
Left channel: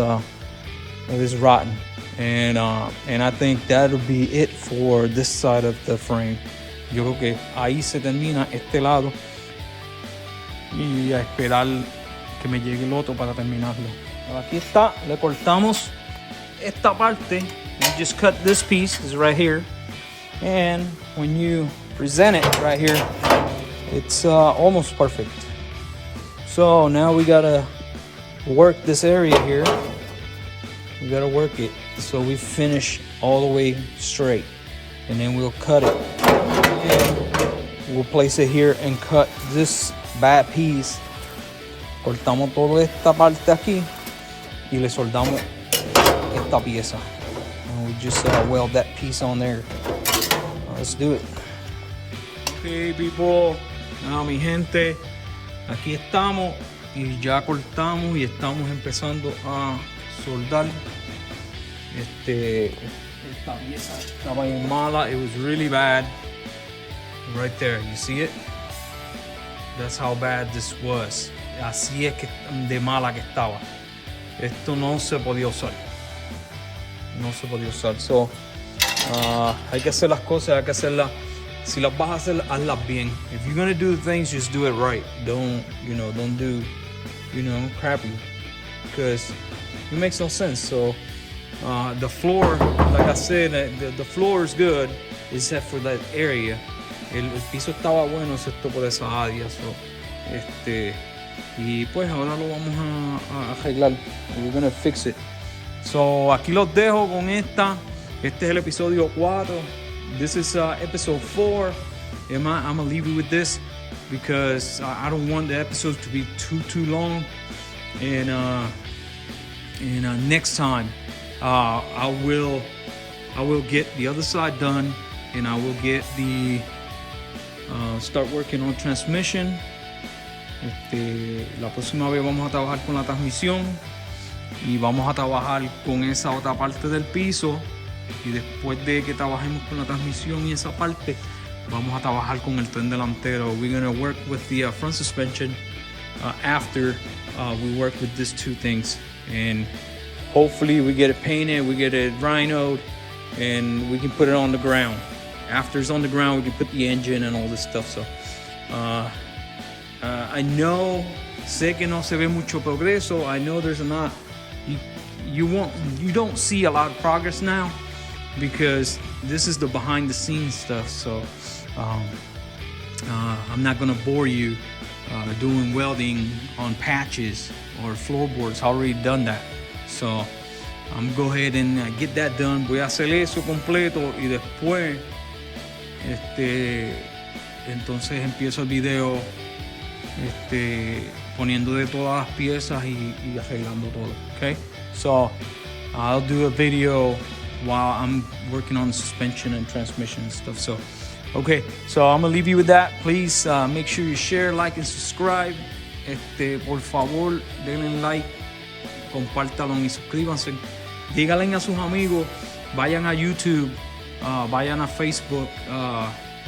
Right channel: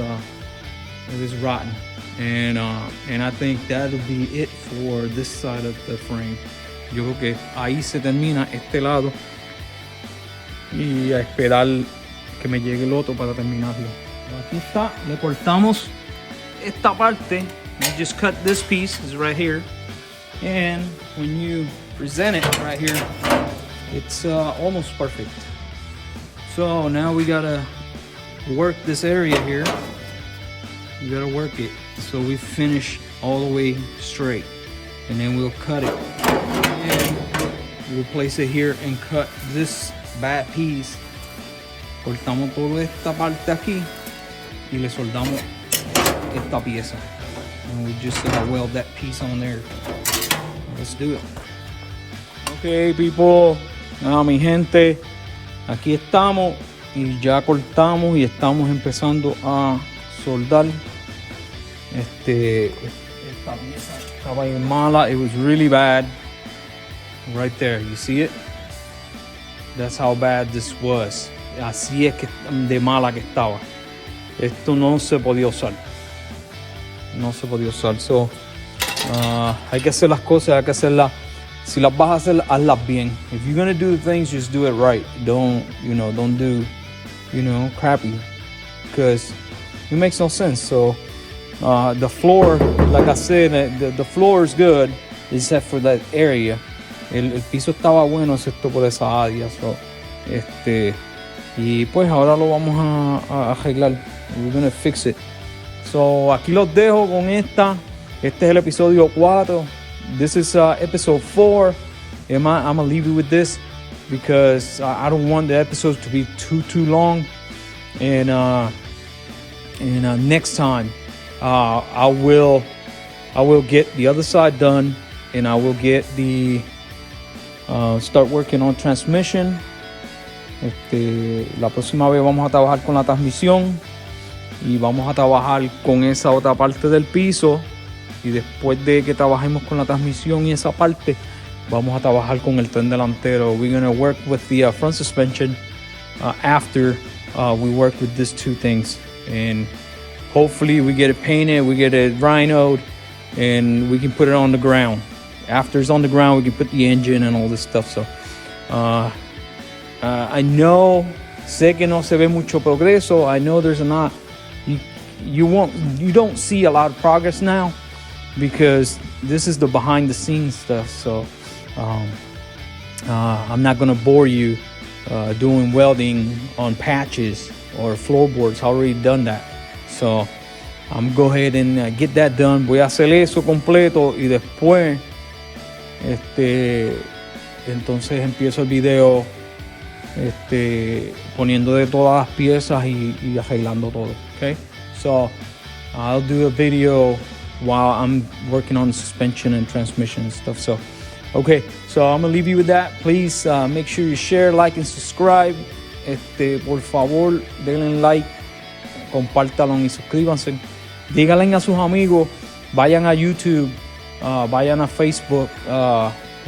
rotten, and I think that'll be it for this side of the frame. Yo creo que ahí se termina este lado y a esperar que me llegue el otro para terminarlo. Aquí está, le cortamos esta parte. You just cut this piece, is right here, and when you present it right here, it's almost perfect. So now we gotta work this area here. We gotta work it so we finish all the way straight, and then we'll cut it, and we'll place it here and cut this bad piece. Cortamos toda esta parte aquí y le soldamos esta pieza, and we just weld that piece on there. Let's do it. Okay, people, mi gente, aquí estamos y ya cortamos y estamos empezando a soldar esta pieza. Estaba bien mala. It was really bad. Right there, you see it? That's how bad this was. Así es que de mala que estaba. esto no se podía usar. So, hay que hacer las cosas, hay que hacerlas. Si las vas a hacer, hazlas bien. If you're gonna do the things, just do it right. Don't do, crappy, because it makes no sense. So, the floor, like I said, the floor is good, except for that area. El piso estaba bueno, excepto por esa área. So, y pues ahora lo vamos a arreglar. We're gonna fix it. So, aquí los dejo con esta. Este es el episodio 4. This is episode 4. I'm gonna leave you with this because I don't want the episodes to be too long. And next time, I will get the other side done, and I will get the start working on transmission. La próxima vez vamos a trabajar con la transmisión y vamos a trabajar con esa otra parte del piso, y después de que trabajemos con la transmisión y esa parte, vamos a trabajar con el tren delantero. We're going to work with the front suspension after we work with these two things, and hopefully we get it painted, we get it rhinoed, and we can put it on the ground. After it's on the ground, we can put the engine and all this stuff. So I know, sé que no se ve mucho progreso. I know there's not, you don't see a lot of progress now because this is the behind the scenes stuff. So I'm not gonna bore you doing welding on patches or floorboards. I already done that. So I'm gonna go ahead and get that done. Voy a hacer eso completo y después entonces empiezo el video poniendo de todas las piezas y arreglando todo. Okay, so I'll do a video while I'm working on suspension and transmission and stuff. So okay, so I'm gonna leave you with that. Please make sure you share, like, and subscribe. Por favor, denle like, compártanlo y suscríbanse. Díganle a sus amigos, vayan a YouTube, vayan a Facebook,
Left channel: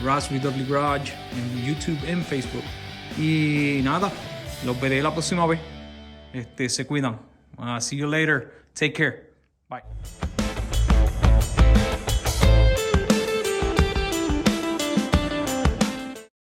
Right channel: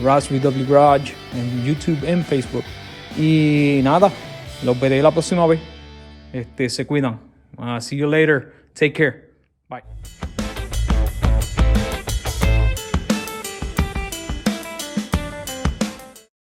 Raspberry W Garage, en YouTube and Facebook. Y nada, los veré la próxima vez. Se cuidan. See you later. Take care. Bye.